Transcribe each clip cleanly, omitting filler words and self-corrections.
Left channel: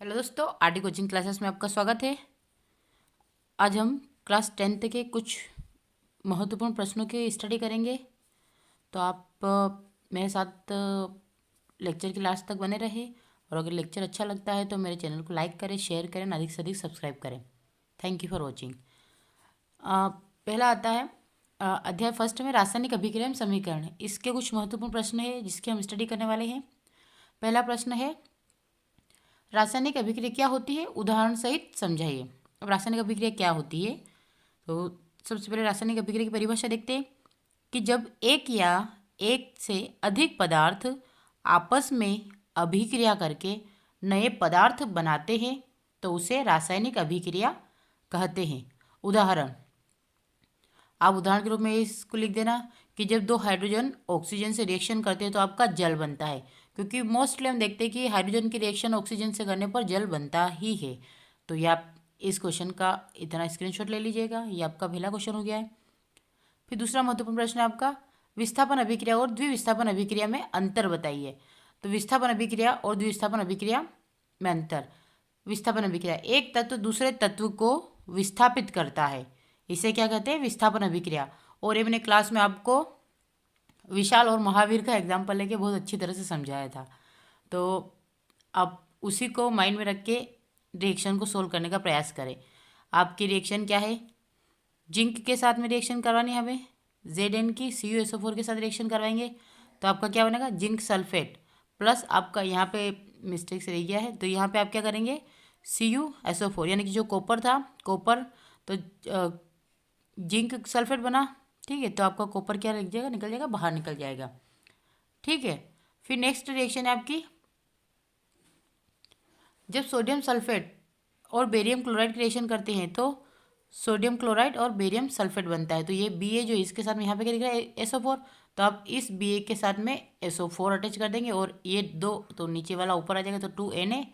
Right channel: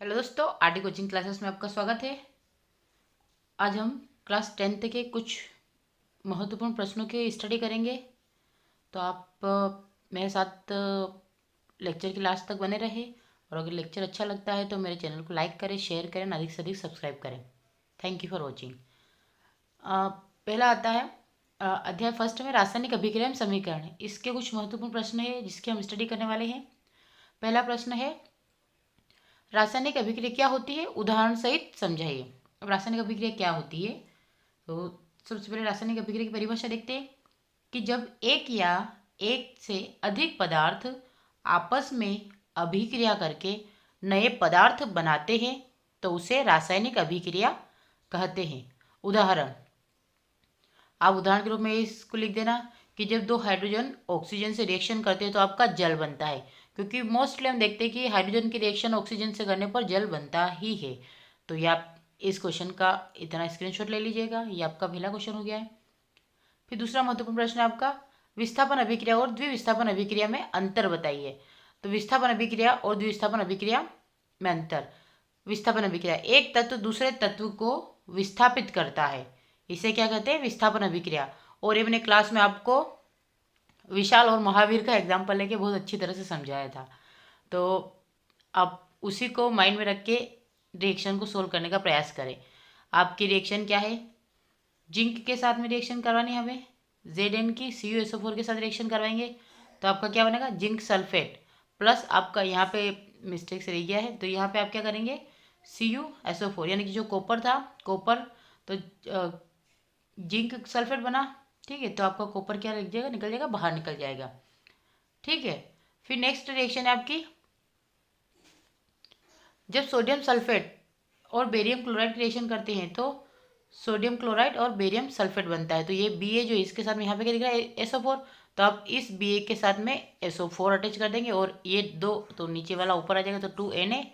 Hello दोस्तों, RD coaching classes में आपका स्वागत है। आज हम क्लास 10th के कुछ महत्वपूर्ण प्रश्नों की स्टडी करेंगे। तो आप मेरे साथ लेक्चर की लास्ट तक बने रहे। और अगर लेक्चर अच्छा लगता है तो मेरे चैनल को लाइक करें, शेयर करें, अधिक से अधिक सब्सक्राइब करें। Thank you for watching. पहला आता है अध्याय फर्स्ट में रासायनिक अभिक्रिया एवं समीकरण। इसके कुछ महत्वपूर्ण प्रश्न है जिसकी हम स्टडी करने वाले हैं। पहला प्रश्न है, रासायनिक अभिक्रिया क्या होती है, उदाहरण सहित समझाइए। अब रासायनिक अभिक्रिया क्या होती है, तो सबसे पहले रासायनिक अभिक्रिया की परिभाषा देखते हैं कि जब एक या एक से अधिक पदार्थ आपस में अभिक्रिया करके नए पदार्थ बनाते हैं तो उसे रासायनिक अभिक्रिया कहते हैं। उदाहरण, आप उदाहरण के रूप में इसको लिख देना कि जब दो हाइड्रोजन ऑक्सीजन से रिएक्शन करते हैं तो आपका जल बनता है। क्योंकि मोस्टली हम देखते हैं कि हाइड्रोजन की रिएक्शन ऑक्सीजन से करने पर जल बनता ही है। तो ये आप इस क्वेश्चन का इतना स्क्रीनशॉट ले लीजिएगा। ये आपका पहला क्वेश्चन हो गया है। फिर दूसरा महत्वपूर्ण प्रश्न है आपका, विस्थापन अभिक्रिया और द्विविस्थापन अभिक्रिया में अंतर बताइए। तो विस्थापन अभिक्रिया और द्विविस्थापन अभिक्रिया में अंतर। विस्थापन अभिक्रिया, एक तत्व दूसरे तत्व को विस्थापित करता है, इसे क्या कहते हैं, विस्थापन अभिक्रिया। और ये मैंने क्लास में आपको विशाल और महावीर का एग्जाम्पल लेके बहुत अच्छी तरह से समझाया था। तो आप उसी को माइंड में रख के रिएक्शन को सोल्व करने का प्रयास करें। आपकी रिएक्शन क्या है, जिंक के साथ में रिएक्शन करवानी है हमें, Zn की CuSO4 के साथ रिएक्शन करवाएंगे तो आपका क्या बनेगा, जिंक सल्फेट प्लस आपका यहाँ पे मिस्टेक से रह गया है तो यहाँ पे आप क्या करेंगे, CuSO4 यानी कि जो कॉपर था, कॉपर तो जिंक सल्फेट बना। ठीक है, तो आपका कॉपर क्या लग जाएगा, निकल जाएगा, बाहर निकल जाएगा। ठीक है, फिर नेक्स्ट रिएक्शन है आपकी, जब सोडियम सल्फेट और बेरियम क्लोराइड की रिएक्शन करते हैं तो सोडियम क्लोराइड और बेरियम सल्फेट बनता है। तो ये Ba जो इसके साथ में यहाँ पे क्या दिख रहा है, SO4, तो आप इस Ba के साथ में SO4 अटैच कर देंगे और ये दो तो नीचे वाला ऊपर आ जाएगा तो 2Na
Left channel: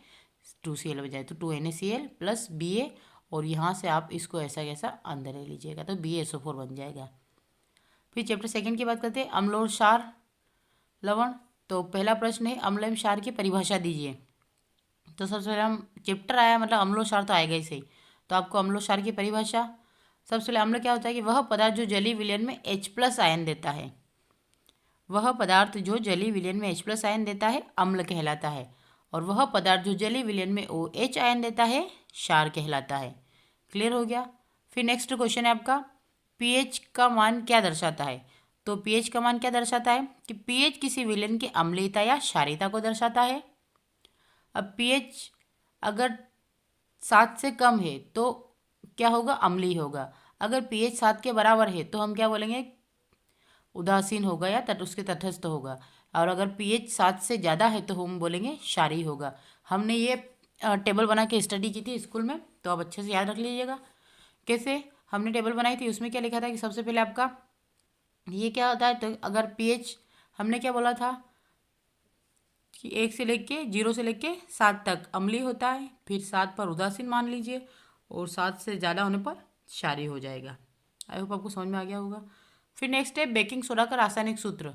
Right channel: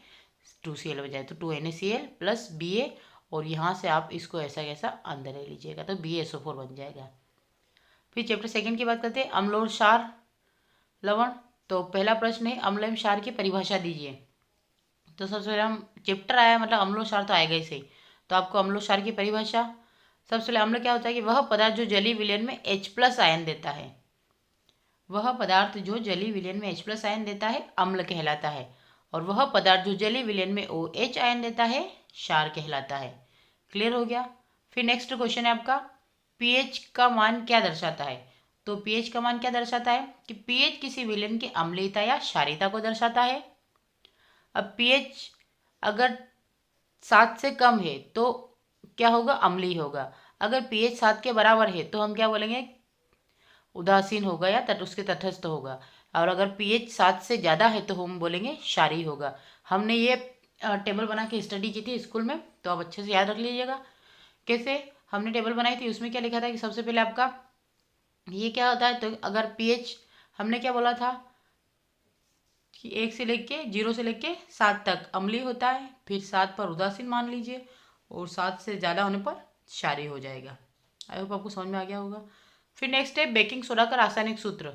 2Cl हो जाए तो 2NaCl प्लस Ba, और यहाँ से आप इसको ऐसा कैसा अंदर ले लीजिएगा तो BaSO4 बन जाएगा। फिर चैप्टर सेकंड की बात करते हैं, अम्ल और क्षार लवण। तो पहला प्रश्न है, अम्ल एवं क्षार की परिभाषा दीजिए। तो सबसे पहले हम चैप्टर आया मतलब अम्ल और क्षार तो आएगा ही सही, तो आपको अम्ल और क्षार की परिभाषा। सबसे पहले अम्ल क्या होता है कि वह पदार्थ जो जलीय विलयन में H+ आयन देता है, वह पदार्थ जो जलीय विलयन में H+ आयन देता है अम्ल कहलाता है, और वह पदार्थ जो जलीय विलयन में OH आयन देता है क्षार कहलाता है। क्लियर हो गया। फिर नेक्स्ट क्वेश्चन है आपका, पीएच का मान क्या दर्शाता है। तो पीएच का मान क्या दर्शाता है कि पीएच किसी विलयन की अम्लीयता या क्षारीयता को दर्शाता है। अब पीएच अगर 7 से कम है तो क्या होगा, अम्लीय होगा। अगर पीएच 7 के बराबर है तो हम क्या बोलेंगे, उदासीन होगा या उसके तटस्थ होगा। और अगर पीएच 7 से ज़्यादा है तो हम बोलेंगे क्षारीय होगा। हमने ये टेबल बना के स्टडी की थी स्कूल में, तो आप अच्छे से याद रख लीजिएगा। कैसे हमने टेबल बनाई थी, उसमें क्या लिखा था कि सबसे पहले आपका ये क्या होता है, तो अगर पीएच हमने क्या बोला था कि 1 से लेके 0 से लेके 7 तक अम्लीय होता है, फिर 7 पर उदासीन मान लीजिए, और 7 से ज़्यादा होने पर क्षारीय हो जाएगा। आई होप आपको समझ में आ गया होगा। फिर नेक्स्ट है बेकिंग सोडा का रासायनिक सूत्र।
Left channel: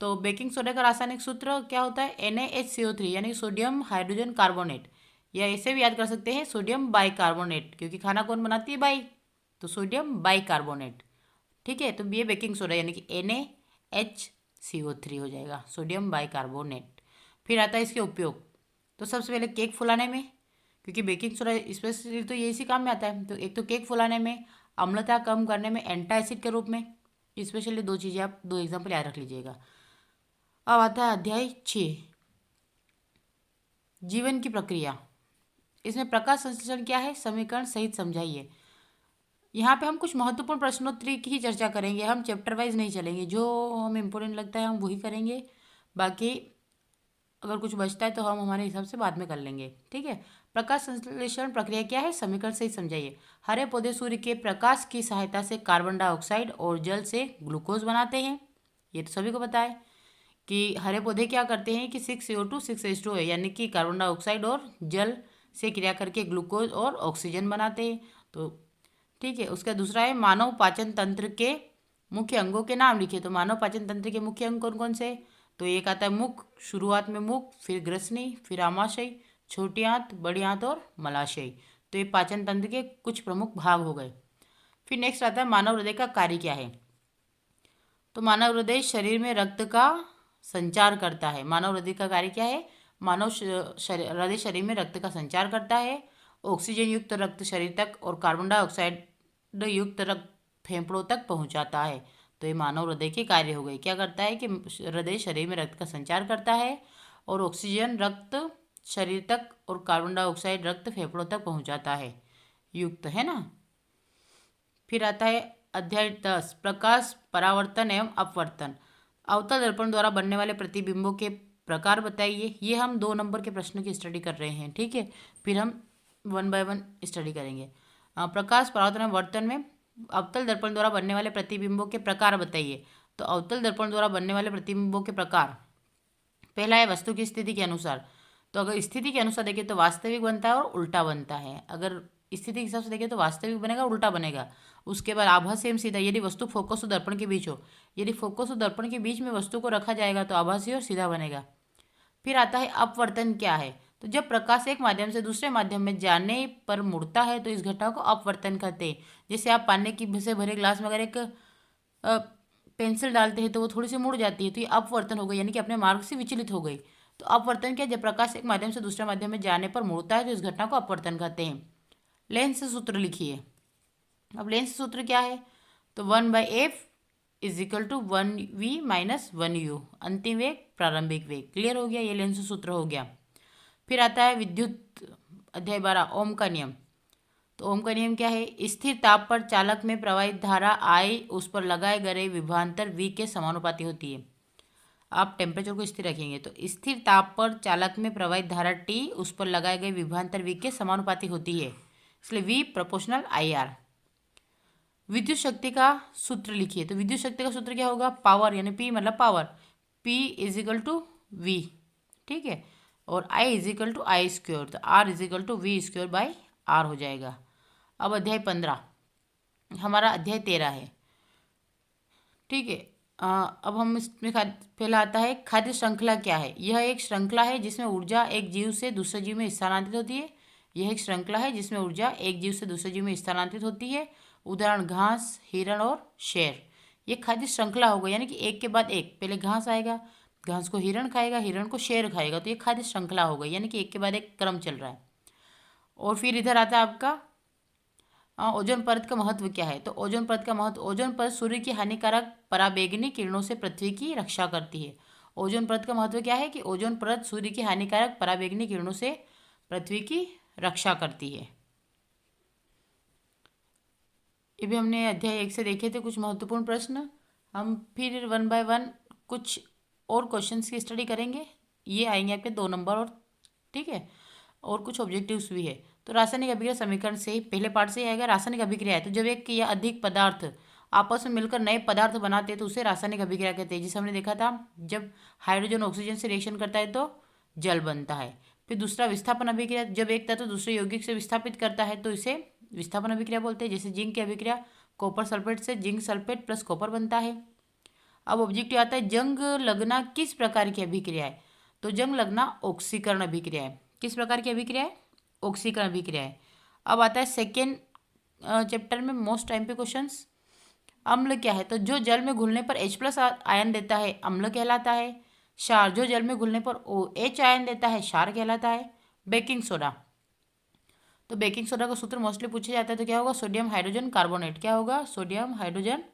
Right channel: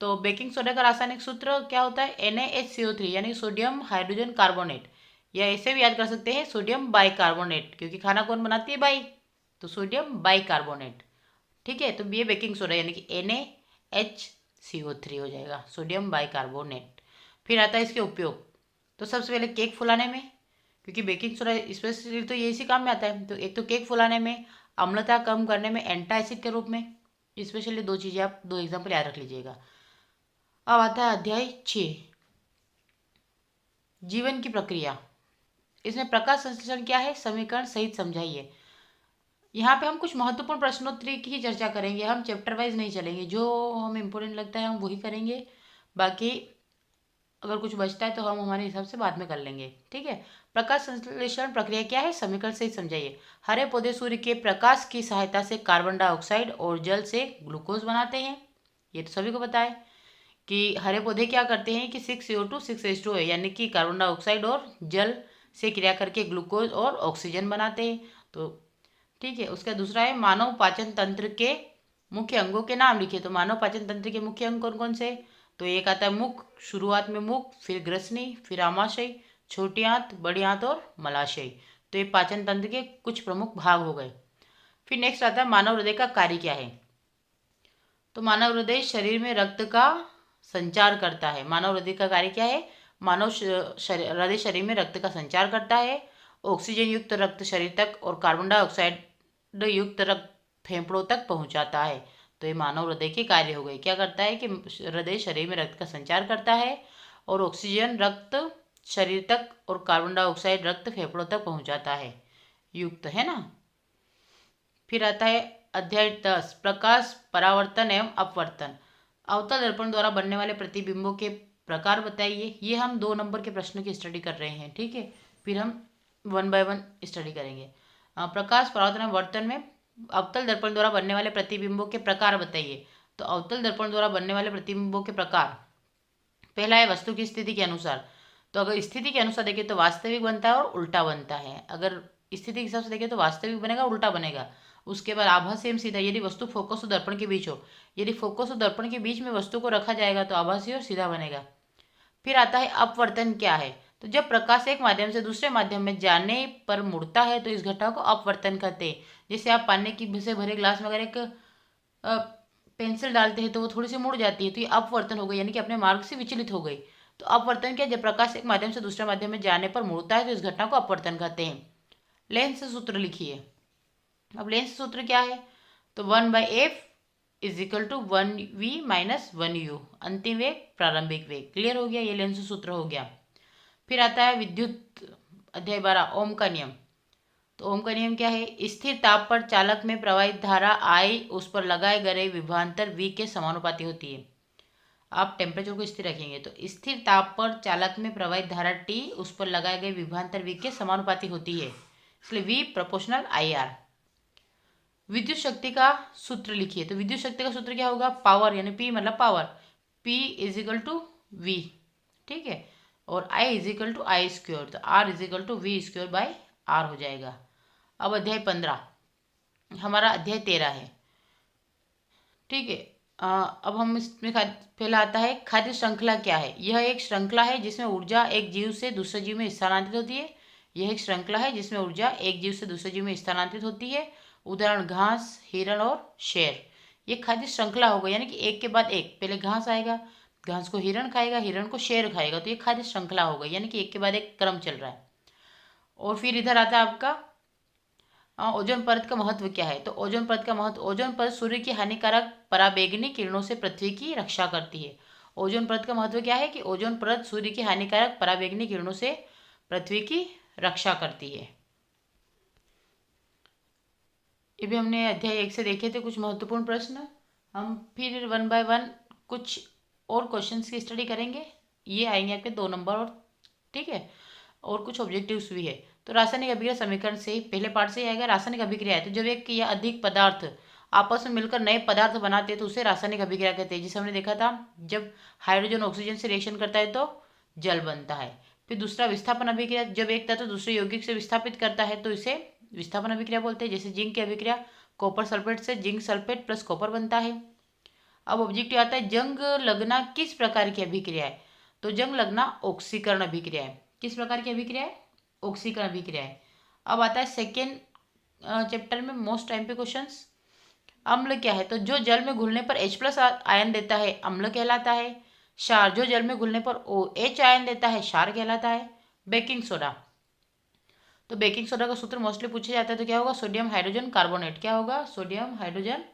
तो बेकिंग सोडा का रासायनिक सूत्र क्या होता है, NaHCO3 यानी सोडियम हाइड्रोजन कार्बोनेट, या ऐसे भी याद कर सकते हैं सोडियम बाइकार्बोनेट, क्योंकि खाना कौन बनाती है, बाई, तो सोडियम बाइकार्बोनेट। ठीक है, तो ये बेकिंग सोडा यानी कि NaHCO3 हो जाएगा, सोडियम बाइकार्बोनेट। फिर आता है इसके उपयोग। तो सबसे पहले केक फुलाने में, क्योंकि बेकिंग सोडा स्पेशली तो ये इसी काम में आता है, तो एक तो केक फुलाने में, अम्लता कम करने में एंटासिड के रूप में। स्पेशली दो चीज़ें आप दो एग्जाम्पल याद रख लीजिएगा। अब आता है अध्याय 6, जीवन की प्रक्रिया। इसमें प्रकाश संश्लेषण क्या है, समीकरण सहित समझाइए। यहाँ पे हम कुछ महत्वपूर्ण प्रश्नोत्तरी की ही चर्चा करेंगे, हम चैप्टर वाइज नहीं चलेंगे, जो हमें इम्पोर्टेंट लगता है हम वही करेंगे। बाकी अगर कुछ बचता है तो हम हमारे हिसाब से बाद में कर लेंगे। ठीक है, प्रकाश संश्लेषण प्रक्रिया क्या है, समीकरण से ही समझाइए। हरे पौधे सूर्य के प्रकाश की सहायता से कार्बन डाइऑक्साइड और जल से ग्लूकोज बनाते हैं, ये तो सभी को पता है कि हरे पौधे क्या करते हैं कि 6CO2 6H2 है, यानी कि कार्बन डाइऑक्साइड और जल से क्रिया करके ग्लूकोज और ऑक्सीजन बनाते हैं। तो ठीक है, उसका दूसरा है मानव पाचन तंत्र के मुख्य अंगों के नाम लिखिए। तो मानव पाचन तंत्र के मुख्य अंग कौन कौन से, तो एक आता है मुख, शुरुआत में मुख, फिर ग्रसनी, फिर आमाशय, छोटी आंत, बड़ी आंत और मलाशय। तो ये पाचन तंत्र के कुछ प्रमुख भाग हो गए। फिर नेक्स्ट आता है मानव हृदय का कार्य क्या है। तो मानव हृदय शरीर में रक्त का संचार करता है। मानव हृदय का कार्य क्या है? मानव हृदय शरीर में रक्त का संचार करता है। ऑक्सीजन युक्त रक्त शरीर तक और कार्बन डाइऑक्साइड युक्त रक्त फेफड़ों तक पहुंचाता है। तो ये मानव हृदय के कार्य हो गए। क्या करता है कि हृदय शरीर में रक्त का संचार करता है और ऑक्सीजन रक्त शरीर तक और कार्बन डाइऑक्साइड रक्त फेफड़ों तक पहुंचाता है, युक्त, है ना। फिर आता है अध्याय 10, प्रकाश परावर्तन एवं अपवर्तन। अवतल दर्पण द्वारा बनने वाले प्रतिबिंबों के प्रकार बताइए। ये हम 2 नंबर के प्रश्नों की स्टडी कर रहे हैं, ठीक है। फिर हम 1 बाय 1 स्टडी करेंगे। प्रकाश परावर्तन एवं वर्तन में अवतल दर्पण द्वारा बनने वाले प्रतिबिंबों के प्रकार बताइए। तो अवतल दर्पण द्वारा बनने वाले प्रतिबिंबों के प्रकार, पहला है वस्तु की स्थिति के अनुसार। तो अगर स्थिति के अनुसार देखें तो वास्तविक बनता है और उल्टा बनता है। अगर स्थिति के हिसाब से देखें तो वास्तविक बनेगा, उल्टा बनेगा। उसके बाद आभासी एवं सीधा, यदि वस्तु फोकस और दर्पण के बीच हो, यदि फोकस और दर्पण के बीच में वस्तु को रखा जाएगा तो आभासी और सीधा बनेगा। फिर आता है अपवर्तन क्या है। तो जब प्रकाश एक माध्यम से दूसरे माध्यम में जाने पर मुड़ता है तो इस घटना को अपवर्तन कहते हैं। जैसे आप पानी की से भरे ग्लास में अगर एक पेंसिल डालते हैं तो वो थोड़ी सी मुड़ जाती है, तो ये अपवर्तन हो गई, यानी कि अपने मार्ग से विचलित हो गई। तो अपवर्तन क्या? जब प्रकाश एक माध्यम से दूसरे माध्यम में जाने पर मुड़ता है तो इस घटना को अपवर्तन कहते हैं। लेंस सूत्र लिखिए। अब लेंस सूत्र क्या है? तो 1/f = 1v - 1u, अंतिम वेग प्रारंभिक वेग। क्लियर हो गया, ये लेंस सूत्र हो गया। फिर आता है विद्युत, अध्याय 12, ओम का नियम। तो ओम का नियम क्या है? स्थिर ताप पर चालक में प्रवाहित धारा I उस पर लगाए गए विभवांतर V के समानुपाती होती है। आप टेम्परेचर को स्थिर रखेंगे तो स्थिर ताप पर चालक में प्रवाहित धारा T उस पर लगाए गए विभवांतर V के समानुपाती होती है, इसलिए V = IR। विद्युत शक्ति का सूत्र लिखिए। तो विद्युत शक्ति का सूत्र क्या होगा? पावर, यानी P मतलब पावर, P = V, ठीक है। और I = I², तो R = V²/R हो जाएगा। अब अध्याय 15, हमारा अध्याय 13 है, ठीक है। अब हम इसमें पहला आता है खाद्य श्रृंखला क्या है। यह एक श्रृंखला है जिसमें ऊर्जा एक जीव से दूसरे जीव में स्थानांतरित होती है। यह एक श्रृंखला है जिसमें ऊर्जा एक जीव से दूसरे जीव में स्थानांतरित होती है। उदाहरण घास, हिरण और शेर। ये खाद्य श्रृंखला होगा, यानी कि एक के बाद एक, पहले घास आएगा, घास को हिरण खाएगा, हिरण को शेर खाएगा, तो ये खाद्य श्रृंखला होगा, यानी कि एक के बाद एक क्रम चल रहा है। और फिर इधर आता है आपका ओजोन परत का महत्व क्या है। तो ओजोन परत का महत्व, ओजोन परत सूर्य की हानिकारक पराबैंगनी किरणों से पृथ्वी की रक्षा करती है। ओजोन परत का महत्व क्या है कि ओजोन परत सूर्य की हानिकारक पराबैंगनी किरणों से पृथ्वी की रक्षा करती है। ये भी हमने अध्याय 1 से देखे थे कुछ महत्वपूर्ण प्रश्न। हम फिर 1 बाय 1 कुछ और क्वेश्चंस की स्टडी करेंगे। ये आएंगे आपके 2 नंबर और, ठीक है, और कुछ ऑब्जेक्टिव्स भी है। तो रासायनिक अभिक्रिया समीकरण से पहले पार्ट से ही आएगा। रासायनिक अभिक्रिया है तो जब एक या अधिक पदार्थ आपस में मिलकर नए पदार्थ बनाते हैं तो उसे रासायनिक अभिक्रिया कहते हैं। जिसे हमने देखा था, जब हाइड्रोजन ऑक्सीजन से रिएक्शन करता है तो जल बनता है। फिर दूसरा विस्थापन अभिक्रिया, जब एक तत्व दूसरे यौगिक से विस्थापित करता है तो इसे विस्थापन अभिक्रिया बोलते हैं। जैसे जिंक की अभिक्रिया कॉपर सल्फेट से जिंक सल्फेट प्लस कॉपर बनता है। अब ऑब्जेक्टिव आता है जंग लगना किस प्रकार की अभिक्रिया है। तो जंग लगना ऑक्सीकरण अभिक्रिया है। किस प्रकार की अभिक्रिया है? ऑक्सीकरण अभिक्रिया है। अब आता है सेकेंड चैप्टर में मोस्ट टाइम पे क्वेश्चंस। अम्ल क्या है? तो जो जल में घुलने पर H+ आयन देता है अम्ल कहलाता है। क्षार, जो जल में घुलने पर OH आयन देता है क्षार कहलाता है। बेकिंग सोडा, तो बेकिंग सोडा का सूत्र मोस्टली पूछा जाता है, तो क्या होगा? Sodium hydrogen carbonate. क्या होगा? Sodium hydrogen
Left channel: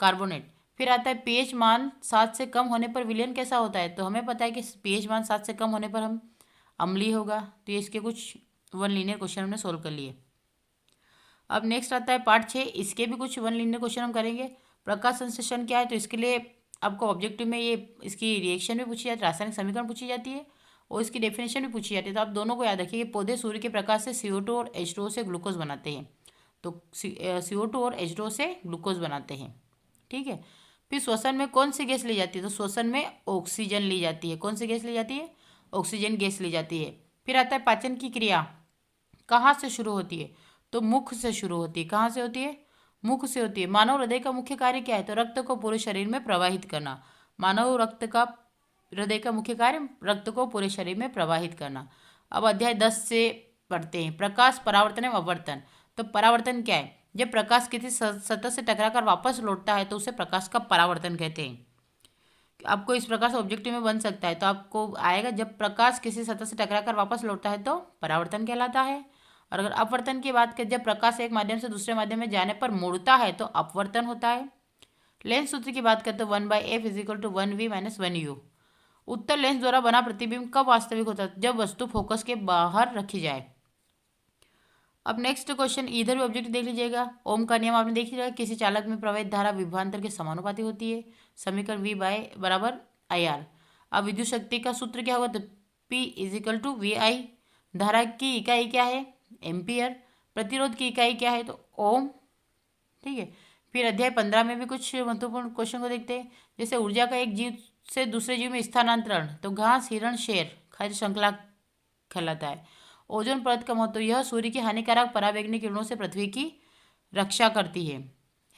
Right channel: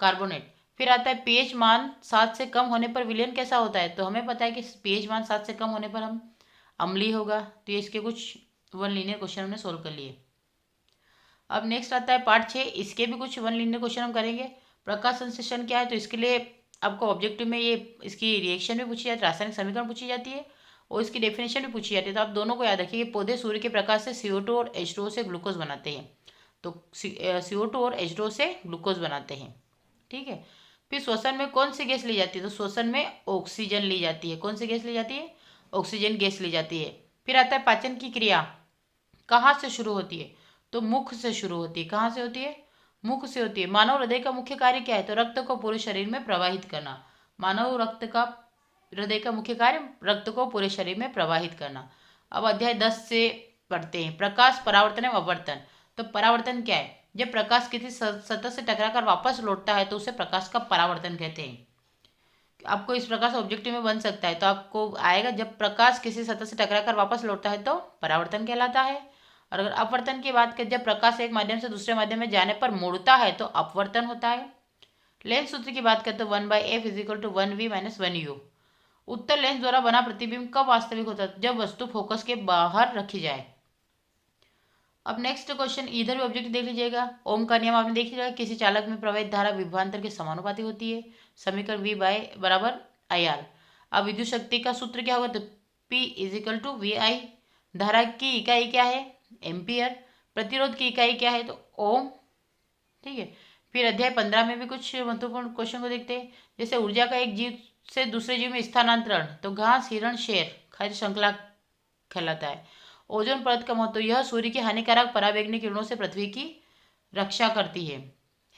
carbonate. फिर आता है पीएच मान 7 से कम होने पर विलयन कैसा होता है। तो हमें पता है कि पीएच मान 7 से कम होने पर हम अम्लीय होगा। तो ये इसके कुछ 1 लीनियर क्वेश्चन हमने सोल्व कर लिए। अब नेक्स्ट आता है पार्ट 6, इसके भी कुछ 1 लीनियर क्वेश्चन हम करेंगे। प्रकाश संश्लेषण क्या है? तो इसके लिए आपको ऑब्जेक्टिव में ये इसकी रिएक्शन भी पूछी जाती है, रासायनिक समीकरण पूछी जाती है और इसकी डेफिनेशन भी पूछी जाती है। तो आप दोनों को याद रखिए कि पौधे सूर्य के प्रकाश से CO2 और H2O से ग्लूकोज बनाते हैं। तो CO2 और H2O से ग्लूकोज बनाते हैं, ठीक है। फिर श्वसन में कौन सी गैस ली जाती है? तो श्वसन में ऑक्सीजन ली जाती है। कौन सी गैस ली जाती है? ऑक्सीजन गैस ली जाती है। फिर आता है पाचन की क्रिया कहाँ से शुरू होती है? तो मुख से शुरू होती है। कहाँ से होती है? मुख से होती है। मानव हृदय का मुख्य कार्य क्या है? तो रक्त को पूरे शरीर में प्रवाहित करना। मानव हृदय का मुख्य कार्य रक्त को पूरे शरीर में प्रवाहित करना। अब अध्याय 10 से पढ़ते हैं, प्रकाश, परावर्तन एवं अपवर्तन। तो परावर्तन क्या है? जब प्रकाश किसी सतह से टकराकर वापस लौटता है तो उसे प्रकाश का परावर्तन कहते हैं। आपको इस प्रकार से ऑब्जेक्टिव में बन सकता है, तो आपको आएगा जब प्रकाश किसी सतह से टकराकर वापस लौटता है तो परावर्तन कहलाता है। और अगर अपवर्तन की बात करें, जब प्रकाश एक माध्यम से दूसरे माध्यम में जाने पर मुड़ता है तो अपवर्तन होता है। लेंस सूत्र की बात करें तो 1/f=1v-1u। उत्तल लेंस द्वारा बना प्रतिबिंब कब वास्तविक होता है? जब वस्तु फोकस के बाहर रखी जाए। अब नेक्स्ट क्वेश्चन, इधर भी ऑब्जेक्ट देख लीजिएगा। ओम का नियम आपने देख लिया, किसी चालक में प्रवाहित धारा विभवांतर के समानुपाती होती है। समीकरण V बराबर IR। अब विद्युत शक्ति का सूत्र क्या होगा? तो P=VI। धारा की इकाई क्या है? एम्पियर। प्रतिरोध की इकाई क्या है? तो ओम। ठीक है। फिर अध्याय 15 में भी कुछ महत्वपूर्ण क्वेश्चन को देखते हैं, जैसे ऊर्जा का एक जीव से दूसरे जीव में स्थानांतरण, तो घास, हिरण, शेर, खाद्य श्रृंखला कहलाता है। ओजोन परत का महत्व, यह सूर्य की हानिकारक पराबैंगनी किरणों से पृथ्वी की रक्षा करती है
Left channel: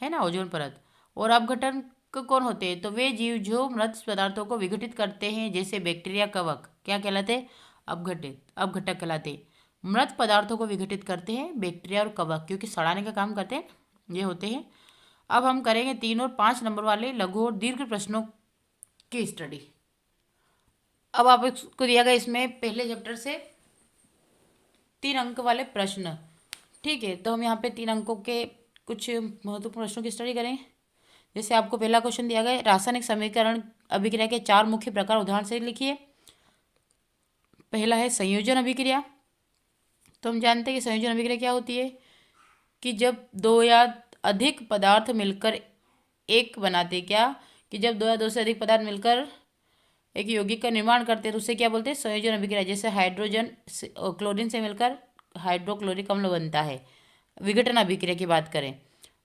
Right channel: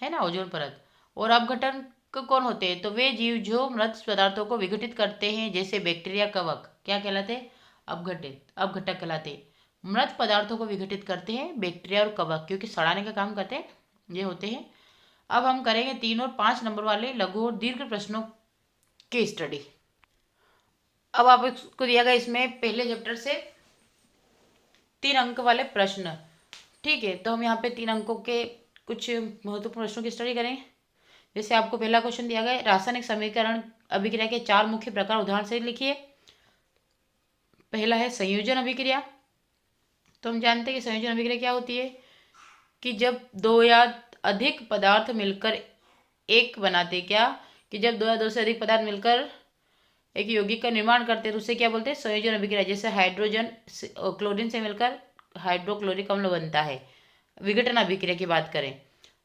ना, ओजोन परत। और अपघटन कौन होते हैं? तो वे जीव जो मृत पदार्थों को विघटित करते हैं, जैसे बैक्टीरिया, कवक, क्या कहलाते हैं? अपघटक कहलाते हैं। मृत पदार्थों को विघटित करते हैं बैक्टीरिया और कवक, क्योंकि सड़ाने का काम करते हैं, ये होते हैं। अब हम करेंगे 3 और 5 नंबर वाले लघु और दीर्घ प्रश्नों की स्टडी। अब आपको दिया गया इसमें पहले चैप्टर से 3 अंक वाले प्रश्न। ठीक है, तो हम यहाँ पे 3 अंकों के कुछ महत्वपूर्ण प्रश्नों की स्टडी करें। जैसे आपको पहला क्वेश्चन दिया गया है, रासायनिक समीकरण अभिक्रिया के 4 मुख्य प्रकार उदाहरण से लिखिए। पहला है संयोजन अभिक्रिया। तो हम जानते हैं कि संयोजन अभिक्रिया क्या होती है, कि जब दो या अधिक पदार्थ मिलकर एक बनाते, क्या कि जब दो या दो से अधिक पदार्थ मिलकर एक यौगिक का निर्माण करते हैं तो उसे क्या बोलते हैं? संयोजन अभिक्रिया। जैसे हाइड्रोजन क्लोरीन से मिलकर हाइड्रोक्लोरिक अम्ल बनता है। विघटन अभिक्रिया की बात करें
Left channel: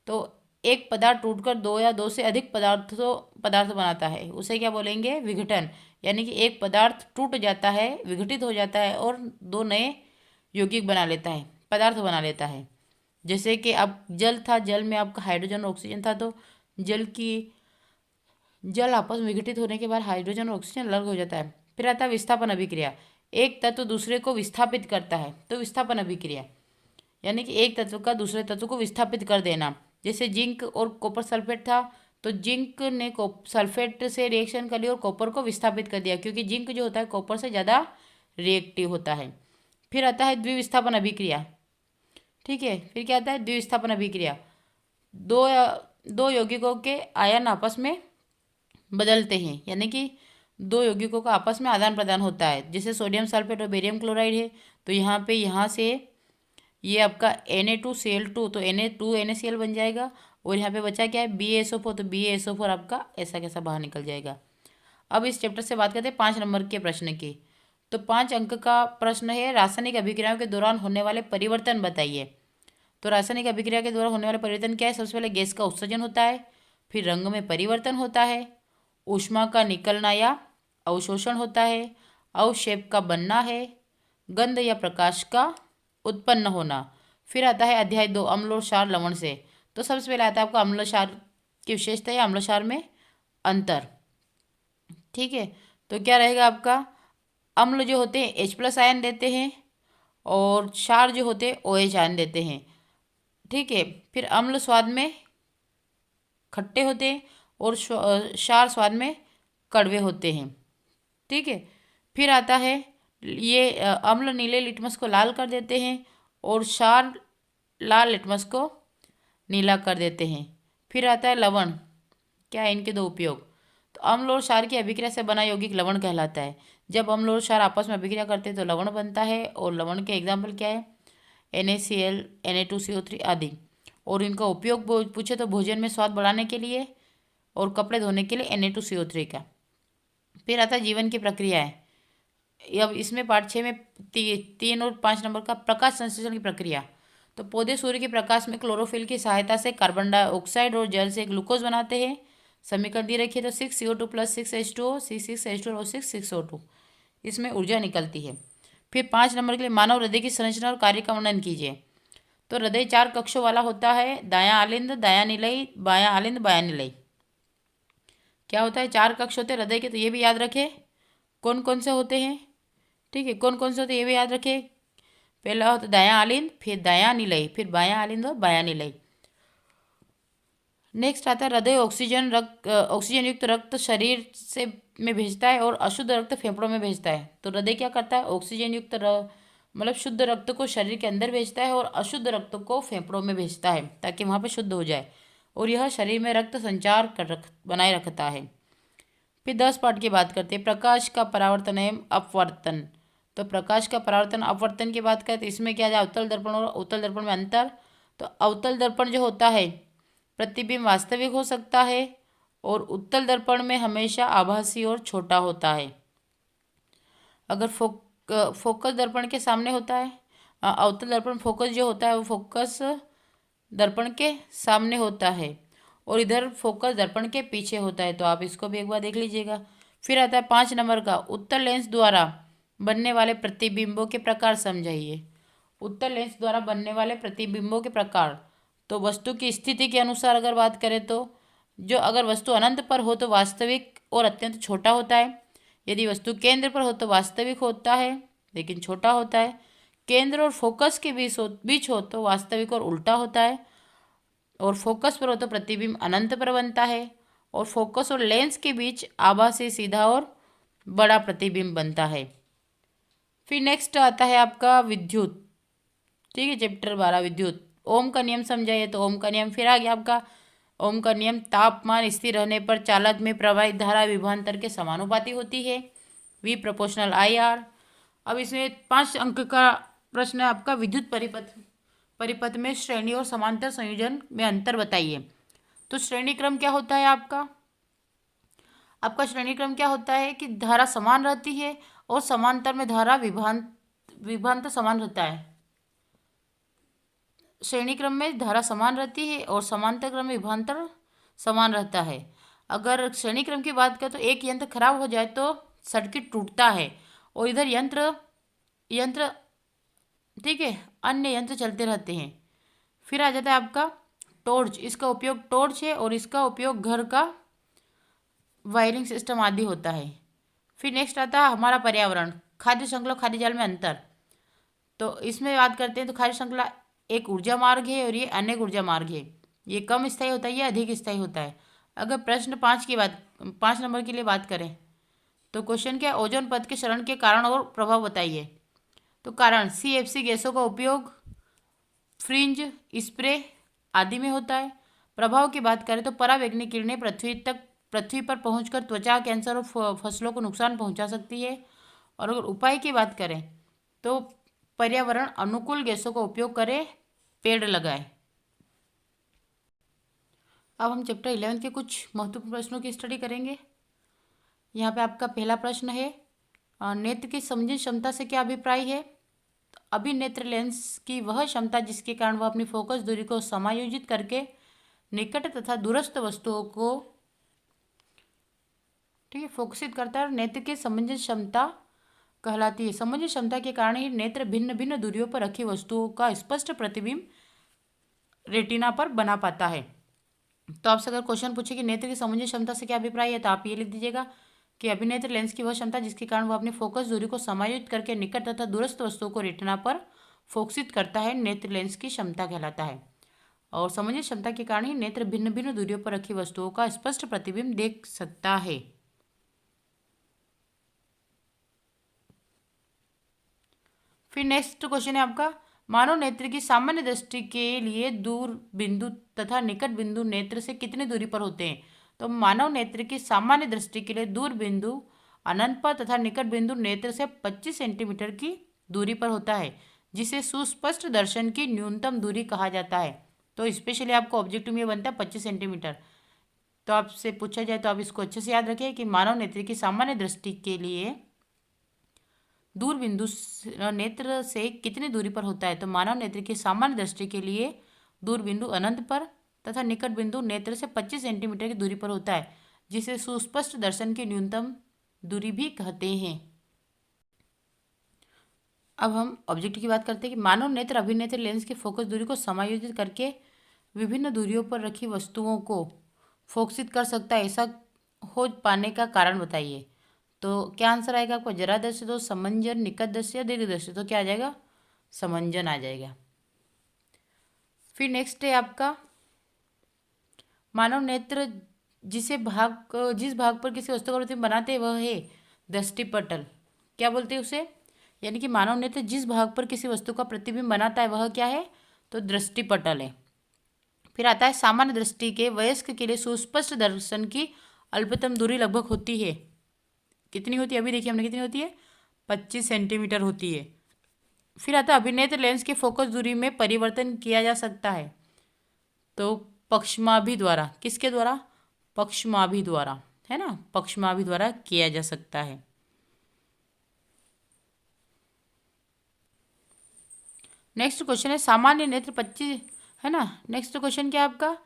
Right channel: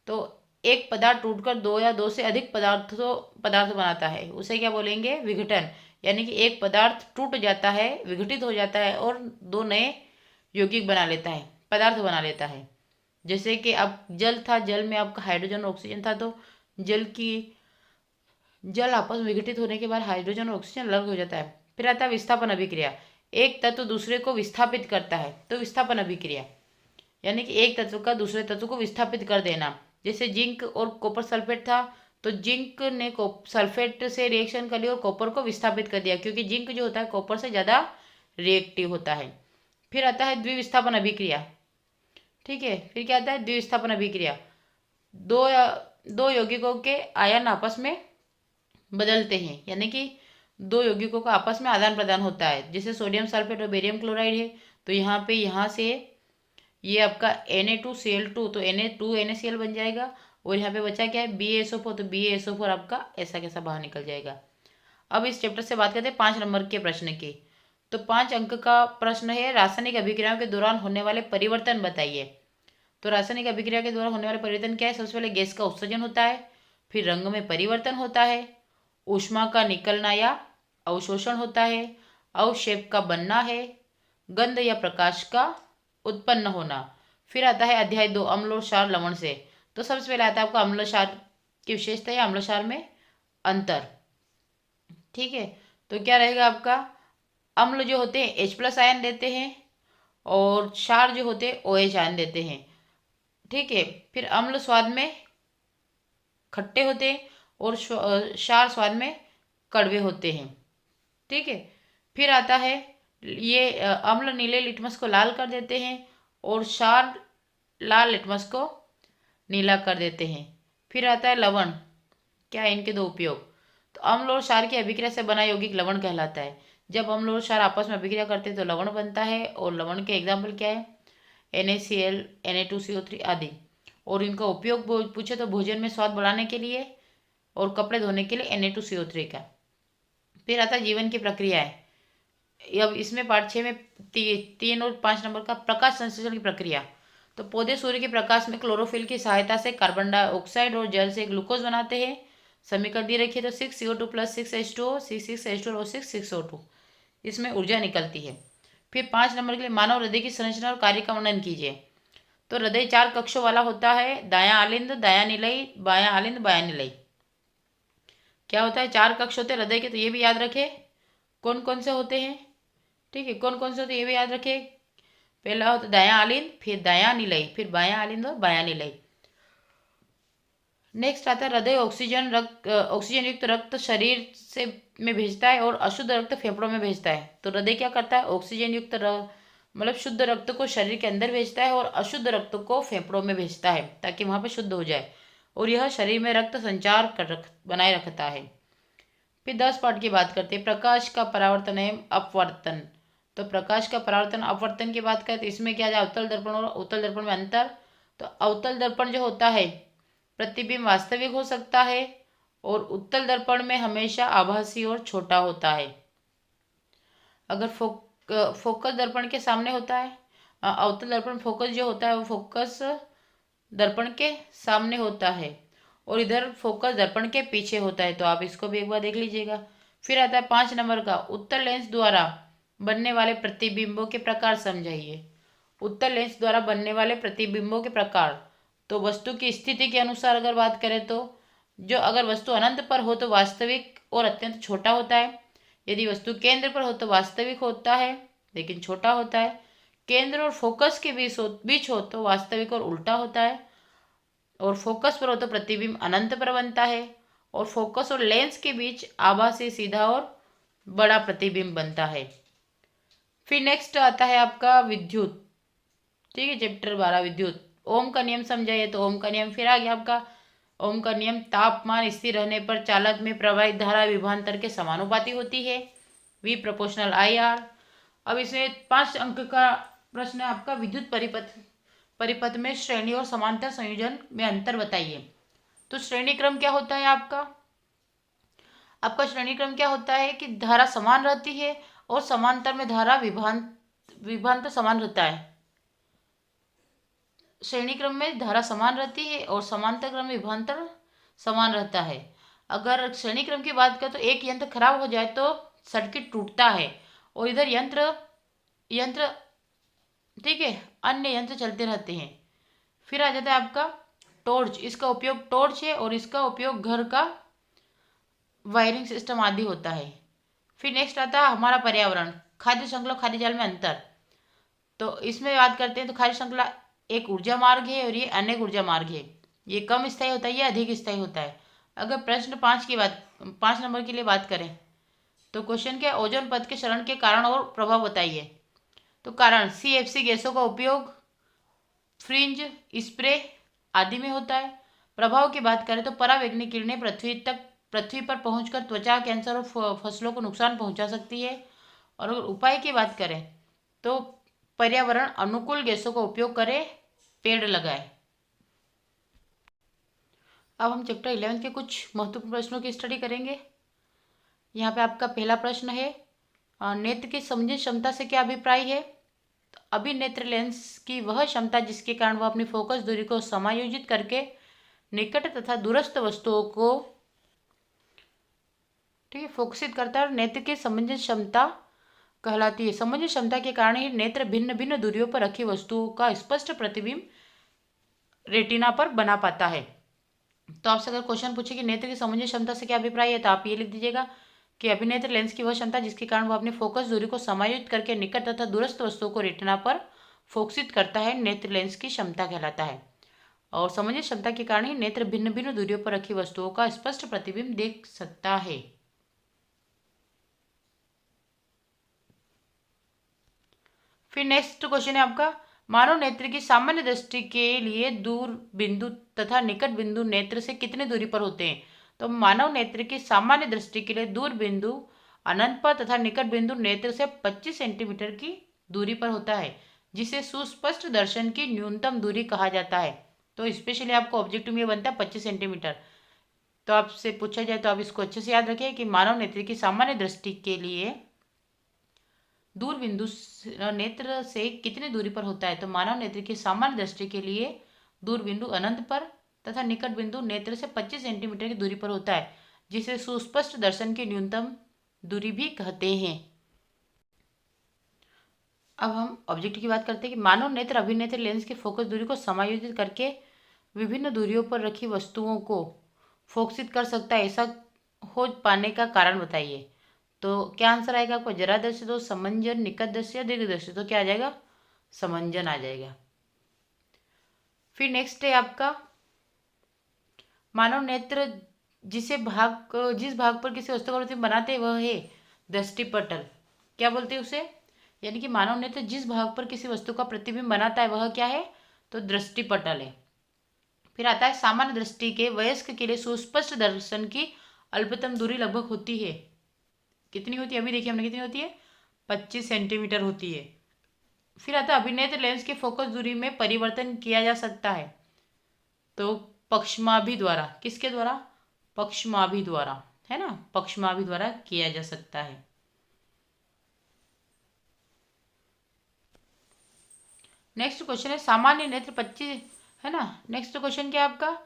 तो एक पदार्थ टूटकर दो या दो से अधिक पदार्थ बनाता है, उसे क्या बोलेंगे? विघटन। यानी कि एक पदार्थ टूट जाता है, विघटित हो जाता है और दो नए यौगिक बना लेता है, पदार्थ बना लेता है। जैसे कि अब जल था, जल में आपका हाइड्रोजन और ऑक्सीजन था, तो जल आपस में विघटित होने के बाद हाइड्रोजन और ऑक्सीजन अलग हो जाता है। फिर आता है विस्थापन अभिक्रिया। एक तत्व दूसरे को विस्थापित करता है, तो विस्थापन अभिक्रिया यानी कि एक तत्व का दूसरे तत्व को विस्थापित कर देना। जैसे जिंक और कॉपर सल्फेट था, तो जिंक ने सल्फेट से रिएक्शन कर लिया और कॉपर को विस्थापित कर दिया, क्योंकि जिंक जो होता है कॉपर से ज़्यादा रिएक्टिव होता है। फिर आता है द्विविस्थापन अभिक्रिया। ठीक है, फिर क्या आता है? द्विविस्थापन अभिक्रिया। दो यौगिकों के आयन आपस में बदलते हैं, यानी कि दो यौगिकों का आपस में आदान प्रदान होता है। जैसे सोडियम सल्फेट और बेरियम क्लोराइड है, तो यहाँ से ये आपका Na2Cl2, तो Na2NaCl बन जाएगा। और यहाँ पे बचा क्या है? BaSO4, तो BaSO4 आपका ऐसा कैसा बाहर निकल जाएगा। अब इस चैप्टर से बात करते हैं 5 नंबर के प्रश्न की। तो 5 अंक का प्रश्न है, रासायनिक अभिक्रियाओं के दौरान होने वाले परिवर्तन बताइए। तो रासायनिक अभिक्रिया के दौरान होने वाले परिवर्तन क्या है? सबसे पहले गैस का उत्सर्जन होता है, फिर रंग में परिवर्तन होता है, ऊष्मा का निकलना या अवशोषण होता है, अवक्षेप का बनना है, गंध या प्रकाश का उत्पन्न होना। फिर आता है अध्याय 2, अम्ल और क्षार लवण से। तो सबसे पहले आता है आपका अम्ल क्षार की विशेषता या अम्ल क्षार में अंतर। ठीक है, तो क्या रहेगा आपका? अम्ल जो होते हैं H+ आयन देते हैं और क्षार जो होते हैं OH आयन देते हैं। ठीक है, फिर अम्ल स्वाद में खट्टे होते हैं और क्षार स्वाद में कड़वे होते हैं। ठीक है, फिर आता है ये अम्ल नीले लिटमस को लाल कर देते हैं और क्षार लाल लिटमस को नीला कर देते हैं। फिर आता है लवण। क्या है इनके दो उपयोग? तो अम्ल और क्षार की अभिक्रिया से बना यौगिक लवण कहलाता है। जब अम्ल और क्षार आपस में अभिक्रिया करते हैं तो लवण बनता है, और लवण के एग्जाम्पल क्या है? NaCl, Na2CO3 आदि। और इनका उपयोग पूछे तो भोजन में स्वाद बढ़ाने के लिए और कपड़े धोने के लिए Na2CO3 का। फिर आता है जीवन की प्रक्रिया है। अब इसमें पार्ट 6 में 3 और 5 नंबर का प्रकाश संश्लेषण की प्रक्रिया। तो पौधे सूर्य के प्रकाश में क्लोरोफिल की सहायता से कार्बन डाइऑक्साइड और जल से ग्लूकोज बनाते हैं। समीकरण दी रखिए, तो 6CO2 + 6H2O, C6H2 और 6O2, इसमें ऊर्जा निकलती है। फिर 5 नंबर के लिए मानव हृदय की संरचना और कार्य का वर्णन कीजिए। तो हृदय 4 कक्षों वाला होता है, दायां आलिंद, दायां निलयी, बायां आलिंद, बायां निलयी। क्या होता है? 4 कक्ष होते हैं हृदय के, तो ये भी याद रखें कौन कौन से होते हैं। ठीक है, कौन कौन से होते हैं ये भी याद रखिए। पहला होता है दायां आलिंद, फिर दायां निलयी, फिर बायां आलिंद और बायां निलयी। नेक्स्ट आता है हृदय ऑक्सीजन युक्त रक्त शरीर से में भेजता है और अशुद्ध रक्त फेफड़ों में भेजता है। तो हृदय क्या करता है, ऑक्सीजन युक्त मतलब शुद्ध रक्त को शरीर के अंदर भेजता है और अशुद्ध रक्त को फेफड़ों में भेजता है ताकि वहाँ पे शुद्ध हो जाए, और यह शरीर में रक्त संचार बनाए रखता है। फिर 10 पार्ट की बात करते हैं, प्रकाश का परावर्तन एवं अपवर्तन। तो प्रकाश का परावर्तन अपवर्तन की बात करें तो इसमें क्या जाए, अवतल दर्पण और उत्तल दर्पण में अंतर। तो अवतल दर्पण जो होता है प्रतिबिंब वास्तविक हो सकता है और उत्तल दर्पण में हमेशा आभासी और छोटा होता है। अगर फोकस दर्पण के सामने होता है, अवतल दर्पण फोकस जो होता है वो फोकस दर्पण के सामने होता है और इधर फोकस दर्पण के पीछे होता है। तो आप इसको भी एक बार देख लीजिएगा। फिर आता है 5 नंबर का, उत्तल लेंस द्वारा बनने वाले प्रतिबिंबों के प्रकार समझाइए। उत्तल लेंस द्वारा बनने वाले प्रतिबिंबों के प्रकार, तो वस्तु की स्थिति के अनुसार अगर बात करें तो जो अगर वस्तु अनंत पर हो तो वास्तविक और अत्यंत छोटा होता है। यदि वस्तु केंद्र पर हो तो वास्तविक होता है लेकिन छोटा होता है। केंद्र और फोकस के बीच हो तो वास्तविक और उल्टा होता है। और फोकस पर हो तो प्रतिबिंब अनंत पर बनता है और फोकस और लेंस के बीच आभासी सीधा और बड़ा प्रतिबिंब बनता है। फिर नेक्स्ट आता है आपका विद्युत। ठीक है, चैप्टर 12 विद्युत। ओम का नियम समझाइए। तो ओम का नियम फिर आ गया आपका। ओम का नियम तापमान स्थिर रहने पर चालक में प्रवाहित धारा विभवांतर के समानुपाती होती है, वी प्रोपोर्शनल आई आर। अब इसमें 5 अंक का प्रश्न है आपका, विद्युत परिपथ में श्रेणी और समांतर संयोजन में अंतर बताइए। तो श्रेणी क्रम क्या होता है आपका, आपका श्रेणी क्रम क्या होता है कि धारा समान रहती है और समांतर में धारा विभवांतर समान रहता है। श्रेणी क्रम में धारा समान रहती है और समांतर क्रम में विभवांतर समान रहता है। अगर श्रेणी क्रम की बात करें तो एक यंत्र खराब हो जाए तो सर्किट टूटता है और इधर यंत्र यंत्र ठीक है अन्य यंत्र चलते रहते हैं। फिर आ जाता है आपका टॉर्च। इसका उपयोग टॉर्च है और इसका उपयोग घर का वायरिंग सिस्टम आदि होता है। फिर नेक्स्ट आता है हमारा पर्यावरण, खाद्य श्रृंखला खाद्य जाल में अंतर। तो इसमें बात करते हैं तो खाद्य श्रृंखला एक ऊर्जा मार्ग है और ये अनेक ऊर्जा मार्ग है। ये कम स्थायी होता है, ये अधिक स्थायी होता है। अगर प्रश्न 5 नंबर के लिए बात करें तो क्वेश्चन क्या है, ओजोन परत के क्षरण के कारण और प्रभाव बताइए। तो कारण CFC गैसों का उपयोग फ्रिंज स्प्रे आदि में होता है। प्रभाव की बात करें तो परावैंगनिक किरणें पृथ्वी पर पहुंचकर त्वचा कैंसर और फसलों को नुकसान पहुंचा सकती है। और अगर उपाय की बात करें तो पर्यावरण अनुकूल गैसों का उपयोग करें, पेड़ लगाएं। अब हम चैप्टर 11 के कुछ महत्वपूर्ण प्रश्नों की स्टडी करेंगे। यहाँ पे आपका पहला प्रश्न है, नेत्र की समझने क्षमता से क्या अभिप्राय है। तो अभिनेत्र लेंस की वह क्षमता जिसके कारण वह अपनी फोकस दूरी को समायोजित करके निकट तथा दूरस्थ वस्तुओं को ठीक है फोकसित करता है और नेत्र की समझने क्षमता कहलाती है। समझने क्षमता के कारण ही नेत्र भिन्न भिन्न दूरियों पर रखी वस्तुओं का स्पष्ट प्रतिबिंब रेटिना पर बना पाता है। तो आपसे अगर क्वेश्चन पूछे कि नेत्र की समझने क्षमता से क्या अभिप्राय है तो आप ये लिख दीजिएगा कि अभिनेत्र लेंस की वह क्षमता जिसके कारण वह अपनी फोकस दूरी को समायोजित करके निकट तथा दूरस्थ वस्तुओं को रेटिना पर फोकसित करता है, नेत्र लेंस की क्षमता कहलाता है। और समझने क्षमता के कारण ही नेत्र भिन्न भिन्न दूरियों पर रखी वस्तुओं का स्पष्ट प्रतिबिंब देख सकता है। फिर नेक्स्ट क्वेश्चन है आपका, मानव नेत्र की सामान्य दृष्टि के लिए दूर बिंदु तथा निकट बिंदु नेत्र से कितनी दूरी पर होते हैं। तो मानव नेत्र की सामान्य दृष्टि के लिए दूर बिंदु अनंत पर तथा निकट बिंदु नेत्र से 25 सेंटीमीटर की दूरी पर होता है, जिसे सुस्पष्ट दर्शन की न्यूनतम दूरी कहा जाता है। तो स्पेशली आपको ऑब्जेक्टिव में बनता है 25 सेंटीमीटर। तो आपसे पूछा जाए तो आप इसको अच्छे से याद रखें कि मानव नेत्र की सामान्य दृष्टि के लिए दूर बिंदु नेत्र से कितनी दूरी पर होता है। तो मानव नेत्र की सामान्य दृष्टि के लिए दूर बिंदु अनंत पर तथा निकट बिंदु नेत्र से 25 सेंटीमीटर की दूरी पर होता है, जिसे सुस्पष्ट दर्शन की न्यूनतम दूरी भी कहते हैं। अब हम ऑब्जेक्ट की बात करते हैं कि मानव नेत्र अभिनेत्र लेंस की फोकस दूरी को समायोजित करके विभिन्न दूरियों पर रखी वस्तुओं को फोकसित कर सकता है। ऐसा हो पाने का कारण बताइए। तो क्या आंसर आएगा आपको? जरा दृष्टि तो समंजन, निकट दृष्टि या दीर्घ दृष्टि, तो क्या आ जाएगा? समंजन आ जाएगा। फिर नेक्स्ट है आपका मानव नेत्र जिस भाग पर किसी वस्तु का प्रतिबिंब बनाते हैं वह है दृष्टिपटल। क्या बोलते हैं उसे? यानी कि मानव नेत्र जिस भाग पर किसी वस्तु का प्रतिबिंब बनाता है वह क्या है? तो दृष्टिपटल है। फिर आता है सामान्य दृष्टि के वयस्क के लिए सुस्पष्ट दर्शन की अल्पतम दूरी लगभग होती है। कितनी होती है? अभी देखिए हमने कितनी होती है? 25 सेंटीमीटर होती है। फिर आता है अभिनेत्र लेंस की फोकस दूरी में परिवर्तन किया जा सकता है। तो पक्षमाभि द्वारा, किसके द्वारा? पक्षमाभि द्वारा, है ना, पक्षमाभि द्वारा किया जा सकता है। नेक्स्ट क्वेश्चन है सामान्य नेत्र 25, है ना। नेक्स्ट क्वेश्चन क्या है आपका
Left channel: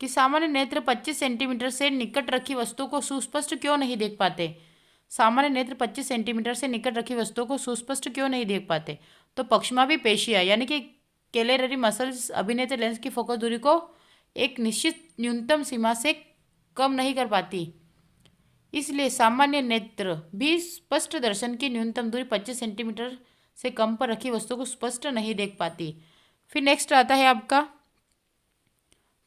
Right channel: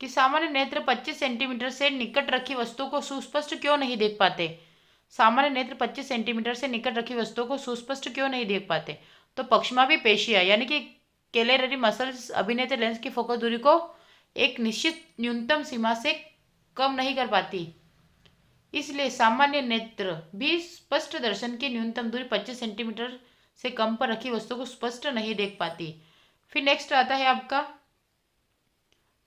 कि सामान्य नेत्र 25 सेंटीमीटर से निकट रखी वस्तु को सुस्पष्ट क्यों नहीं देख पाते? सामान्य नेत्र 25 सेंटीमीटर से निकट रखी वस्तुओं को सुस्पष्ट क्यों नहीं देख पाते? तो पक्षमाभि पेशियां यानी कि कैलेररी मसल्स अभिनेत्र लेंस की फोकस दूरी को एक निश्चित न्यूनतम सीमा से कम नहीं कर पाती, इसलिए सामान्य नेत्र भी स्पष्ट दर्शन की न्यूनतम दूरी 25 सेंटीमीटर से कम पर रखी वस्तु को स्पष्ट नहीं देख पाती। फिर नेक्स्ट आता है आपका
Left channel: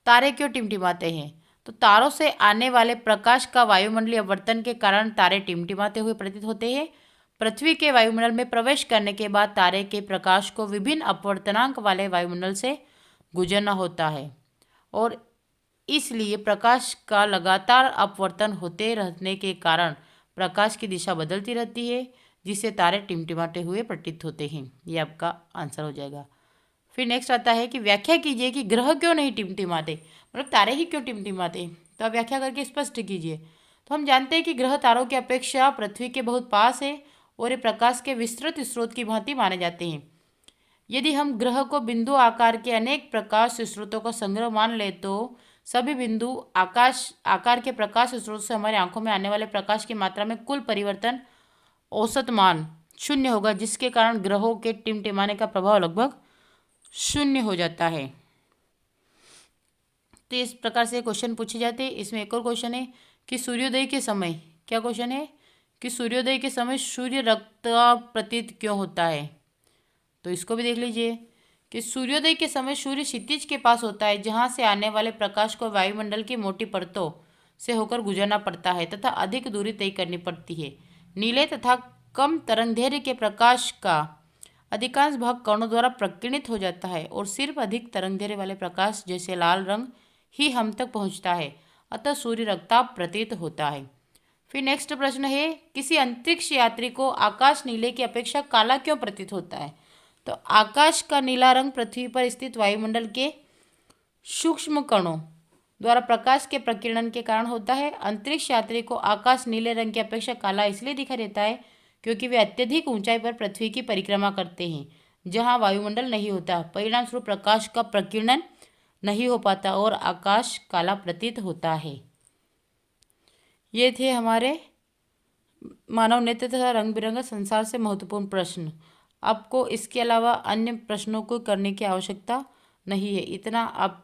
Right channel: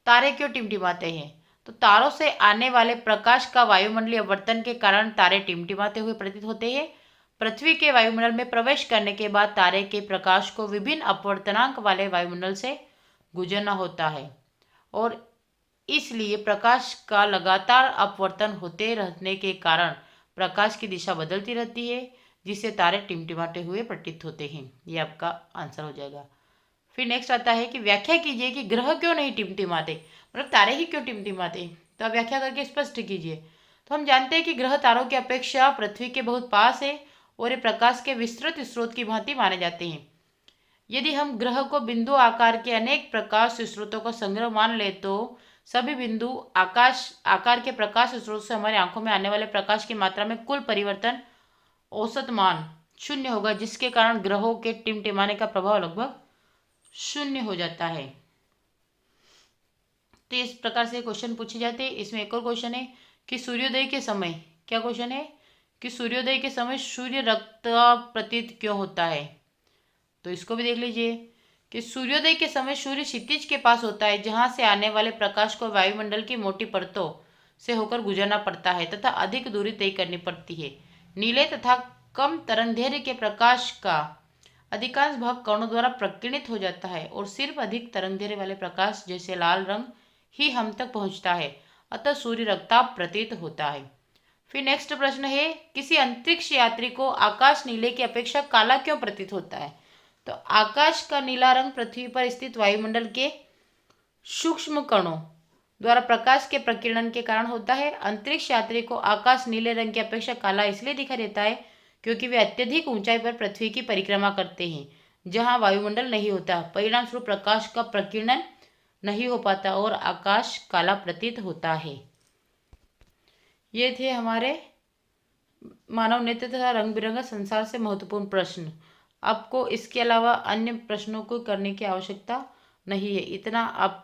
तारे क्यों टिमटिमाते हैं? तो तारों से आने वाले प्रकाश का वायुमंडलीय अपवर्तन के कारण तारे टिमटिमाते हुए प्रतीत होते हैं। पृथ्वी के वायुमंडल में प्रवेश करने के बाद तारे के प्रकाश को विभिन्न अपवर्तनांक वाले वायुमंडल से गुजरना होता है और इसलिए प्रकाश का लगातार अपवर्तन होते रहने के कारण प्रकाश की दिशा बदलती रहती है, जिससे तारे टिमटिमाते हुए प्रतीत होते हैं। ये आपका आंसर हो जाएगा। फिर नेक्स्ट आता है कि व्याख्या कीजिए कि ग्रह क्यों नहीं टिमटिमाते, मतलब तारे ही क्यों टिमटिमाते, तो आप व्याख्या करके स्पष्ट कीजिए। तो हम जानते हैं कि ग्रह तारों की अपेक्षा पृथ्वी के बहुत पास है और ये प्रकाश के विस्तृत स्रोत की भांति माने जाते हैं। यदि हम ग्रह को बिंदु आकार के अनेक प्रकाश स्रोतों का संग्रह मान ले तो सभी बिंदु आकार के प्रकाश स्रोत से हमारी आंखों में आने वाले प्रकाश की मात्रा में कुल परिवर्तन औसत मान शून्य होगा, जिसके कारण ग्रहों के टिमटिमाने का प्रभाव लगभग शून्य हो जाता है। तो इस प्रकार से क्वेश्चन पूछे जाते हैं। इसमें एक और क्वेश्चन है कि सूर्योदय के समय, क्या क्वेश्चन है कि सूर्योदय के समय सूर्य रक्तचाप प्रतीत क्यों होता है? तो इसको भी देख लीजिए कि सूर्योदय के समय सूर्य क्षितिज के पास होता है, जहां से आने वाले प्रकाश को वायुमंडल की मोटी परतों से होकर गुजरना पड़ता है तथा अधिक दूरी तय करनी पड़ती है। नीले तथा कम तरंगदैर्घ्य के प्रकाश का अधिकांश भाग कणों द्वारा प्रकीर्णित हो जाता है और सिर्फ अधिक तरंगदैर्घ्य वाले प्रकाश जैसे लाल रंग ही हम तक पहुंचता है, अतः सूर्य रक्तचाप प्रतीत होता है। फिर नेक्स्ट प्रश्न है किसी अंतरिक्ष यात्री को आकाश नीले की अपेक्षा काला क्यों प्रतीत होता है? तो आकाश का नीला रंग पृथ्वी पर स्थित वायुमंडल के सूक्ष्म कणों द्वारा प्रकाश के प्रकीर्णन के कारण होता है। अंतरिक्ष यात्री को आकाश नीले रंग की अपेक्षा काला इसलिए दिखाई देता है क्योंकि वे अत्यधिक ऊंचाई पर पृथ्वी की परिक्रमा करते हैं, जहां वायुमंडल नहीं होता। परिणाम स्वरूप प्रकाश का प्रकीर्णन नहीं हो पाता और आकाश काला प्रतीत होता है। ये थे हमारे मानव नेत्र तथा रंग बिरंगा संसार से महत्वपूर्ण प्रश्न। आपको इसके अलावा अन्य प्रश्नों को करने की आवश्यकता नहीं है, इतना आप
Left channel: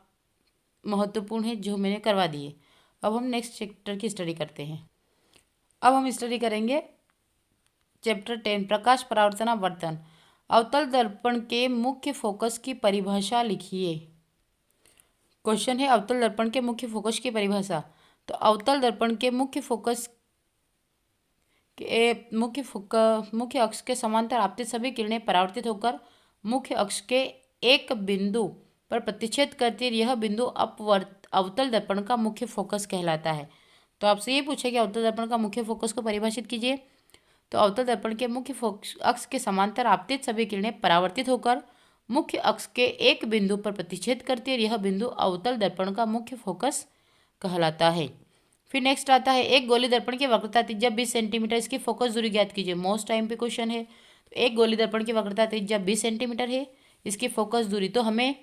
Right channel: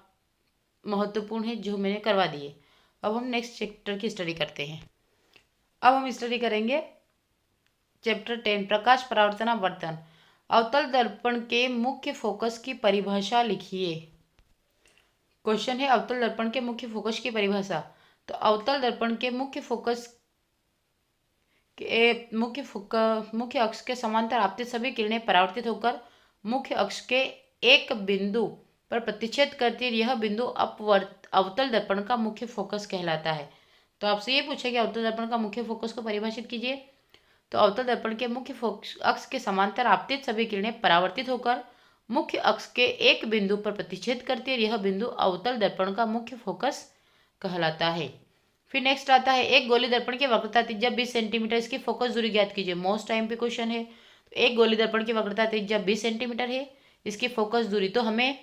महत्वपूर्ण है जो मैंने करवा दिए। अब हम नेक्स्ट चैप्टर की स्टडी करते हैं। अब हम स्टडी करेंगे चैप्टर 10 प्रकाश परावर्तन अपवर्तन। अवतल दर्पण के मुख्य फोकस की परिभाषा लिखिए। क्वेश्चन है अवतल दर्पण के मुख्य फोकस की परिभाषा। तो अवतल दर्पण के मुख्य फोकस के मुख्य अक्ष के समांतर आपतित सभी किरणें परावर्तित होकर मुख्य अक्ष के एक बिंदु पर प्रतिच्छेद करती है। यह बिंदु अवतल दर्पण का मुख्य फोकस कहलाता है। तो आपसे ये पूछे कि अवतल दर्पण का मुख्य फोकस को परिभाषित कीजिए। तो अवतल दर्पण के मुख्य अक्ष के समांतर आपतित सभी किरणें परावर्तित होकर मुख्य अक्ष के एक बिंदु पर प्रतिच्छेद करती है। यह बिंदु अवतल दर्पण का मुख्य फोकस कहलाता है। फिर नेक्स्ट आता है एक गोली दर्पण की वक्रता त्रिज्या 20 सेंटीमीटर, इसकी फोकस दूरी ज्ञात कीजिए। मोस्ट टाइम पे क्वेश्चन है। तो एक गोली दर्पण की वक्रता त्रिज्या 20 सेंटीमीटर है, इसकी फोकस दूरी, तो हमें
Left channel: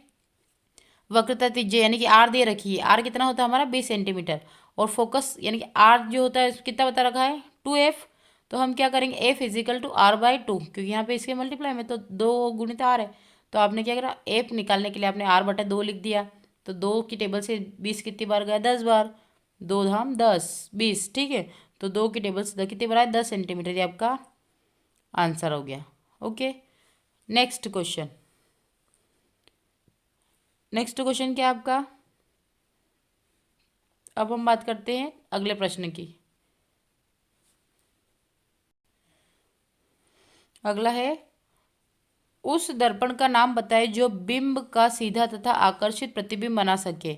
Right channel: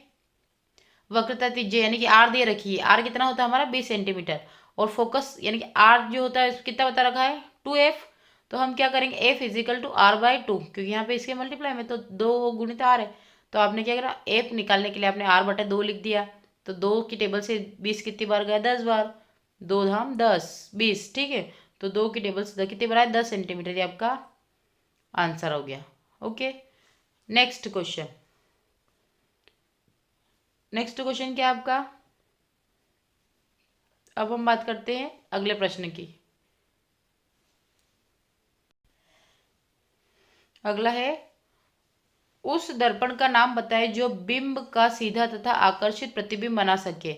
वक्रता त्रिज्या यानी कि आर दे रखी है। आर कितना होता है हमारा 20 सेंटीमीटर और फोकस यानी कि आर जो होता है कितना बता रखा है 2f। तो हम क्या करेंगे f इजिकल टू r/2, क्योंकि यहाँ पे इसके मल्टीप्लाई में तो 2 गुणित r है। तो आपने क्या करा f निकालने के लिए आपने r/2 लिख दिया। तो 2 की टेबल से 20 कितनी बार गया 10 बार, 2 धाम 10 20, ठीक है। तो 2 की टेबल सीधा कितने बना है 10 सेंटीमीटर, ये आपका आंसर हो गया। Okay, next question. Next question क्या है आपका? अब हम बात करते हैं अगले प्रश्न की। अगला है, उस दर्पण का नाम बताए जो बिंब का सीधा तथा आकर्षित प्रतिबिंब बना सके।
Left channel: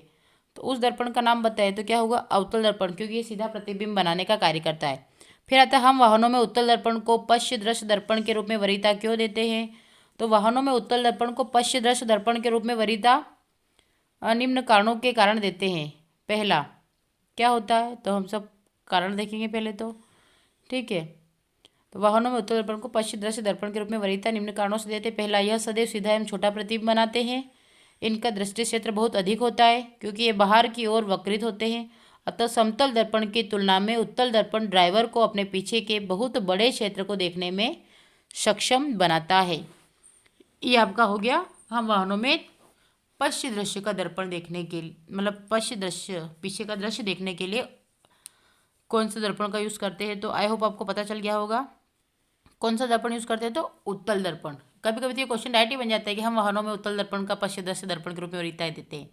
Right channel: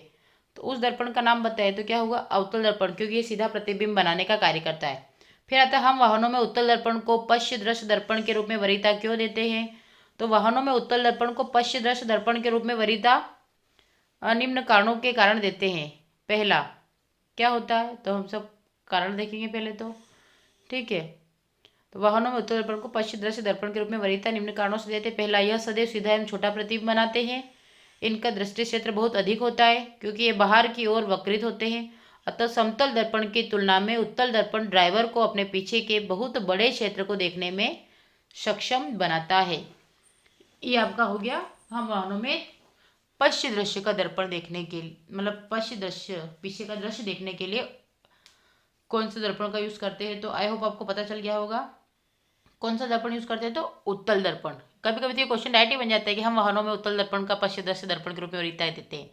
तो उस दर्पण का नाम बताए तो क्या होगा? अवतल दर्पण, क्योंकि ये सीधा प्रतिबिंब बनाने का कार्य करता है। फिर आता है, हम वाहनों में उत्तल दर्पण को पश्च दृश्य दर्पण के रूप में वरीयता क्यों देते हैं? तो वाहनों में उत्तल दर्पण को पश्च दृश्य दर्पण के रूप में वरीयता निम्न कारणों के कारण देते हैं। पहला क्या होता है, तो हम सब कारण देखेंगे पहले तो। ठीक है, तो वाहनों में उत्तल दर्पण को पश्च दृश्य दर्पण के रूप में वरीयता निम्न कारणों से देते हैं। पहला, यह सदैव सीधा एवं छोटा प्रतिबिंब बनाते हैं। इनका दृष्टि क्षेत्र बहुत अधिक होता है क्योंकि ये बाहर की ओर वक्रित होते हैं। अतः समतल दर्पण की तुलना में उत्तल दर्पण ड्राइवर को अपने पीछे के बहुत बड़े क्षेत्र को देखने में सक्षम बनाता है। ये आपका हो गया, हम वाहनों में पश्च दृश्य का दर्पण देखने के मतलब पश्च दृश्य पीछे का दृश्य देखने के लिए कौन सा दर्पण का यूज़ करते हैं। तो आई होप आपको पता चल गया होगा कौन सा दर्पण यूज़ करते हैं, तो उत्तल दर्पण। कभी कभी तो ये क्वेश्चन डायरेक्ट ही बन जाता है कि हम वाहनों में उत्तल दर्पण का पश्च दृश्य दर्पण के रूप में वरीयता देते हैं।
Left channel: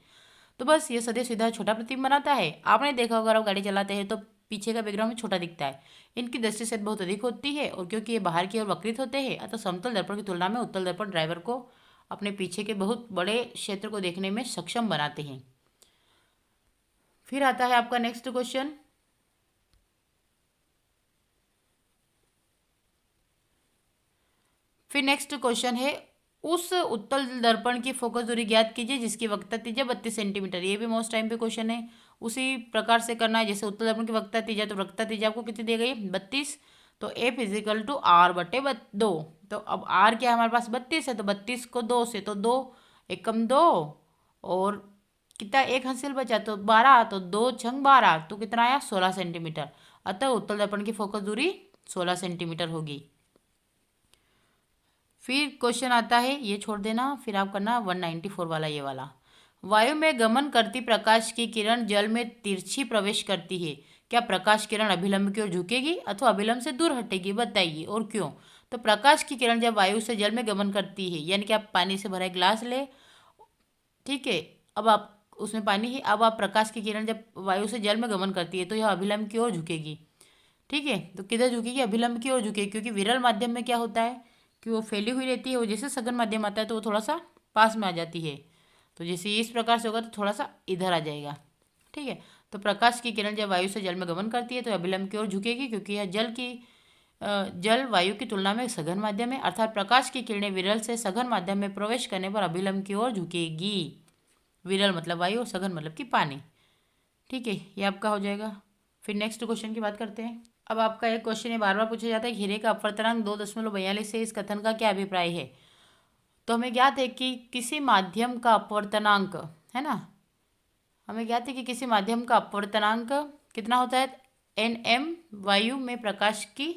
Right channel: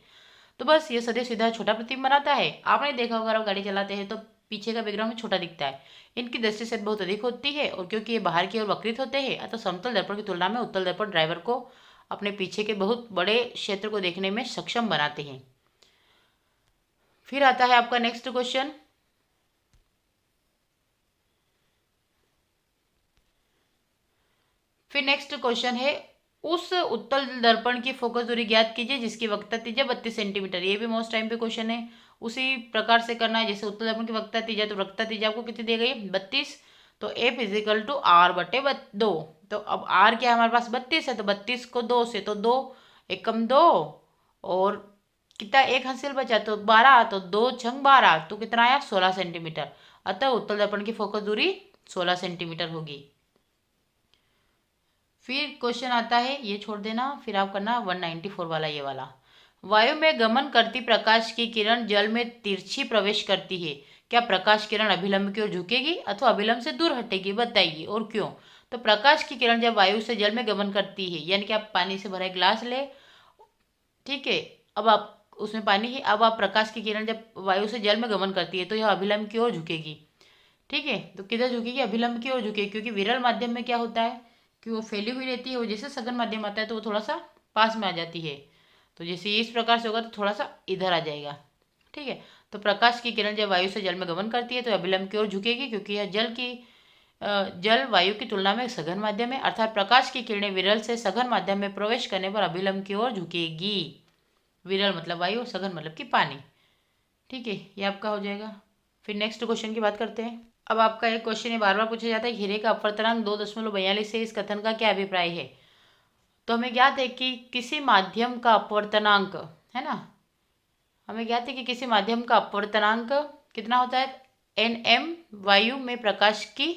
तो बस ये सदैव सीधा छोटा प्रतिबिंब बनाता है। आपने देखा होगा, आप गाड़ी चलाते हैं तो पीछे का बैकग्राउंड छोटा दिखता है। इनकी दृष्टि से बहुत अधिक होती है और क्योंकि ये बाहर की ओर वक्रित होते हैं, अतः समतल दर्पण की तुलना में उत्तल दर्पण ड्राइवर को अपने पीछे के बहुत बड़े क्षेत्र को देखने में सक्षम बनाते हैं। फिर आता है आपका नेक्स्ट क्वेश्चन। फिर नेक्स्ट क्वेश्चन है, उस उत्तल दर्पण की फोकस दूरी ज्ञात कीजिए जिसकी वक्रता त्रिज्या 32 सेंटीमीटर। ये भी मोस्ट टाइम पे क्वेश्चन है। उसी प्रकार से करना है जैसे उत्तल दर्पण की वक्रता त्रिज्या, तो वक्रता त्रिज्या आपको कितनी दी गई? 32। तो एफ इजिकल टू आर बटे 2। तो अब आर क्या है हमारे पास? 32 है, तो 32 को 2 से, तो 2 एकम 2 और कितना एक हासिल बचा, तो 12, तो 2 छंग 12, तो कितना आया? 16 सेंटीमीटर। अतः उत्तल दर्पण की फोकस दूरी 16 सेंटीमीटर होगी। फिर क्वेश्चन आता है, ये छोड़ देना, फिर आप करना 194 वाला, ये वाला। वायु में गमन करती प्रकाश की किरण जल में तिरछी प्रवेश करती है। क्या प्रकाश किरण अभिलंब की ओर झुकेगी अथवा अभिलंब से दूर हटेगी? बताइए और क्यों। तो प्रकाश की किरण जब वायु से जल में गमन करती है, यानी कि आप पानी से भरा एक गिलास ले, ठीक है, अब आप उसमें पानी ही, अब आप प्रकाश की किरण जब वायु से जल में गमन करती है तो यह अभिलंब की ओर झुकेगी। ठीक है, तो किधर झुकेगी? अभिलंब की ओर झुकेगी, क्योंकि विरल माध्यम में क्या होता है कि वो फैली हुई रहती है, वो जैसे सघन माध्यम आता है तो वो थोड़ा सा पास में आ जाती है। तो जैसे इस प्रकार से होगा तो थोड़ा सा इधर आ जाएगा। ठीक है, तो प्रकाश की किरण जब वायु से जल में गमन करती है तो अभिलंब की ओर झुकेगी, क्योंकि यह जल वायु की तुलना में सघन माध्यम है, अर्थात प्रकाश की किरणें विरल से सघन माध्यम में प्रवेश करने पर अभिलंब की ओर झुकेगी। विरल मतलब वायु, सघन मतलब कि पानी। ठीक है, ये आपका हो जाएगा। फिर नेक्स्ट क्वेश्चन की बात करते हैं। अब आपका एक क्वेश्चन है, बार बार पूछा जाता है, हीरे का अपवर्तनांक 2.42 है, इस कथन का क्या अभिप्राय है? तो हमें ज्ञात है कि किसी माध्यम का अपवर्तनांक, है ना, हमें ज्ञात है कि किसी माध्यम का अपवर्तनांक कितना होता है? Nm। वायु में प्रकाश की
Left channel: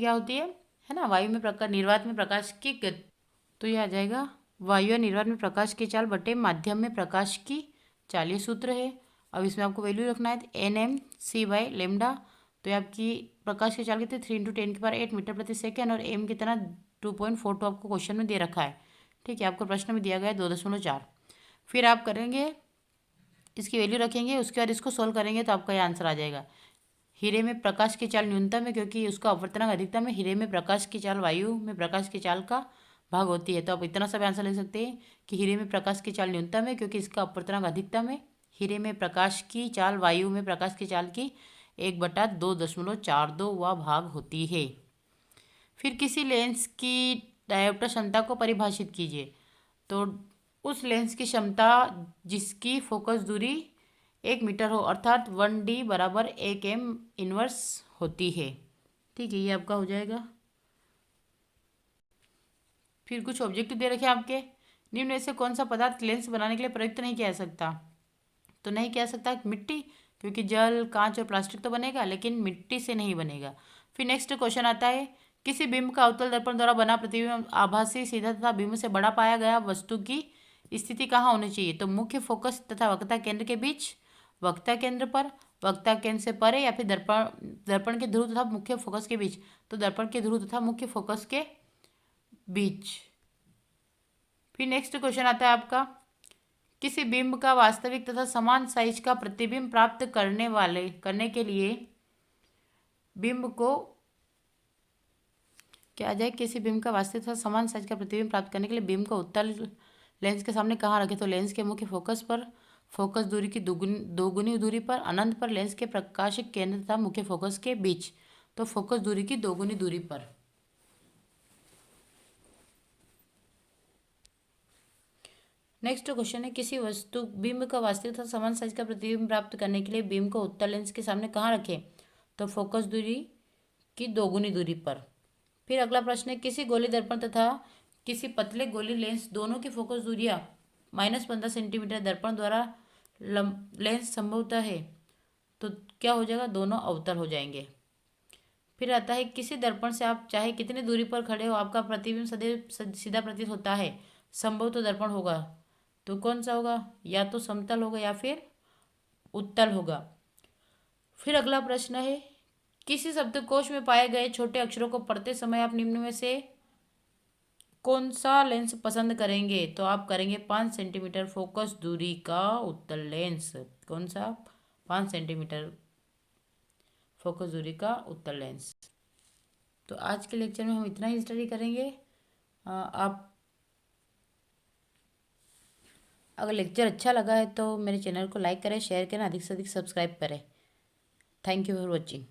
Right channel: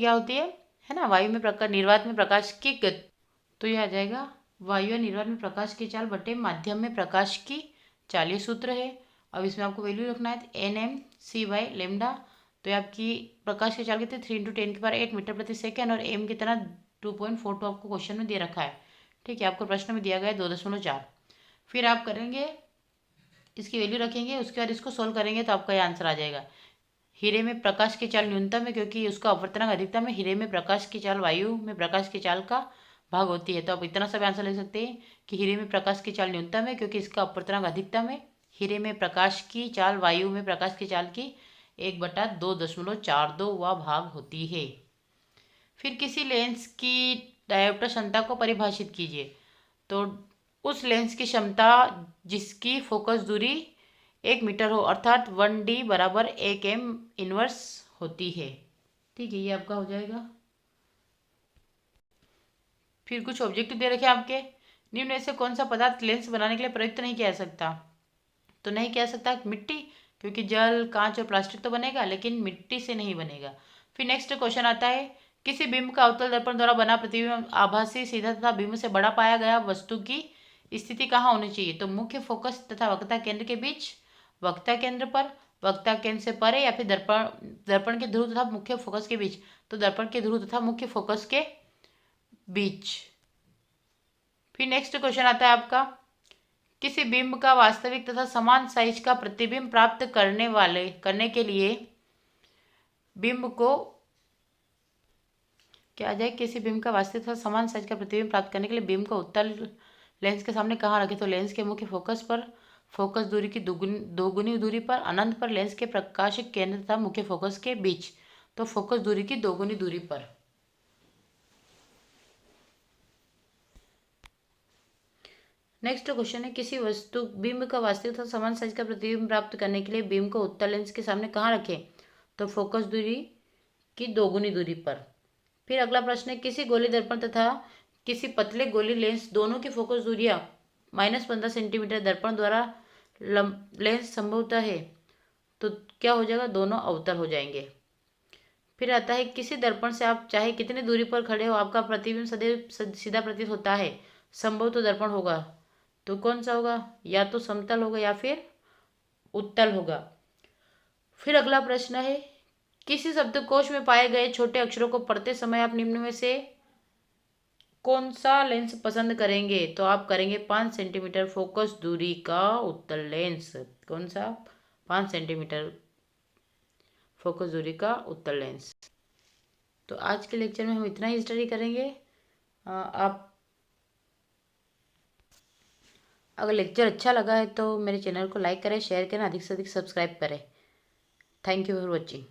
क्या होती है ना, वायु में प्रकाश, निर्वात में प्रकाश की तो ये आ जाएगा वायु या निर्वात में प्रकाश की चाल बटे माध्यम में प्रकाश की चाल, ये सूत्र है। अब इसमें आपको वैल्यू रखना है Nm/c/ लेमडा। तो ये आपकी प्रकाश की चाल कितनी? 3 × 10⁸ मीटर प्रति सेकेंड, और m कितना? 2.42 आपको क्वेश्चन में दे रखा है। ठीक है, आपको प्रश्न में दिया गया है 2.4। फिर आप करेंगे, इसकी वैल्यू रखेंगे, उसके बाद इसको सोल्व करेंगे तो आपका ये आंसर आ जाएगा। हीरे में प्रकाश की चाल न्यूनतम है क्योंकि उसका अपवर्तनांक अधिकतम है। हीरे में प्रकाश की चाल वायु में प्रकाश की चाल का भाग होती है। तो आप इतना सब आंसर ले सकते हैं कि हीरे में प्रकाश की चाल न्यूनतम है क्योंकि इसका अपवर्तनांक अधिकतम है। हीरे में प्रकाश की चाल वायु में प्रकाश की चाल की 1/2.42 भाग होती है। फिर किसी लेंस की डायोप्टर क्षमता को परिभाषित कीजिए। तो उस लेंस की क्षमता जिसकी फोकस दूरी 1 मीटर हो, अर्थात 1d बराबर 1m इनवर्स होती है। ठीक है, ये आपका हो जाएगा। फिर कुछ ऑब्जेक्टिव दे रखे आपके, निम्न में से कौन सा पदार्थ लेंस बनाने के लिए प्रयुक्त नहीं किया जा सकता? तो नहीं किया जा सकता मिट्टी, क्योंकि जल, कांच और प्लास्टिक तो बनेगा लेकिन मिट्टी से नहीं बनेगा। फिर नेक्स्ट क्वेश्चन आता है, किसी बिंब का अवतल दर्पण द्वारा बना प्रतिबिंब आभासी, सीधा तथा बिंब से बड़ा पाया गया वस्तु की स्थिति कहाँ होनी चाहिए? तो मुख्य फोकस तथा वक्रता केंद्र के बीच, वक्रता केंद्र पर, वक्ता केंद्र से परे या फिर दर्पण के ध्रुव तथा मुख्य फोकस के बीच। तो दर्पण के ध्रुव तथा मुख्य फोकस के बीच। फिर नेक्स्ट क्वेश्चन आता है आपका, किसी बिंब का वास्तविक तथा समान साइज का प्रतिबिंब प्राप्त करने के लिए बिंब को क्या आ जाए, किसी बिंब का वास्तविक तथा समान साइज का प्रतिबिंब प्राप्त करने के लिए बिंब को उत्तल लेंस के सामने कहाँ रखें। तो लेंस के मुख्य फोकस पर, फोकस दूरी की दोगुनी दूरी पर, अनंत पर, लेंस के प्रकाशिक केंद्र तथा मुख्य फोकस के बीच। तो फोकस दूरी की दोगुनी दूरी पर। नेक्स्ट क्वेश्चन है, किसी वस्तु बिंब का वास्तविक तथा समान साइज का प्रतिबिंब प्राप्त करने के लिए बिंब को उत्तल लेंस के सामने कहाँ रखें। तो फोकस दूरी की दोगुनी दूरी पर। फिर अगला प्रश्न है, किसी गोली दर्पण तथा किसी पतले गोली लेंस दोनों की फोकस दूरियां -15 सेंटीमीटर दर्पण द्वारा लेंस संभवतः है, तो क्या हो जाएगा, दोनों अवतल हो जाएंगे। फिर आता है, किसी दर्पण से आप चाहे कितनी दूरी पर खड़े हो आपका प्रतिबिंब सदैव सीधा प्रतीत होता है, संभव तो दर्पण होगा। तो कौन सा होगा, या तो समतल होगा या फिर उत्तल होगा। फिर अगला प्रश्न है, किसी शब्दकोश में पाए गए छोटे अक्षरों को पढ़ते समय आप निम्न में से कौन सा लेंस पसंद करेंगे। तो आप करेंगे 5 सेंटीमीटर फोकस दूरी का उत्तल लेंस। कौन सा, 5 सेंटीमीटर फोकस दूरी का उत्तल लेंस। तो आज के लेक्चर में हम इतना ही स्टडी करेंगे। आप अगर लेक्चर अच्छा लगा है तो मेरे चैनल को लाइक करें, शेयर करें, अधिक से अधिक सब्सक्राइब करें। Thank you for watching.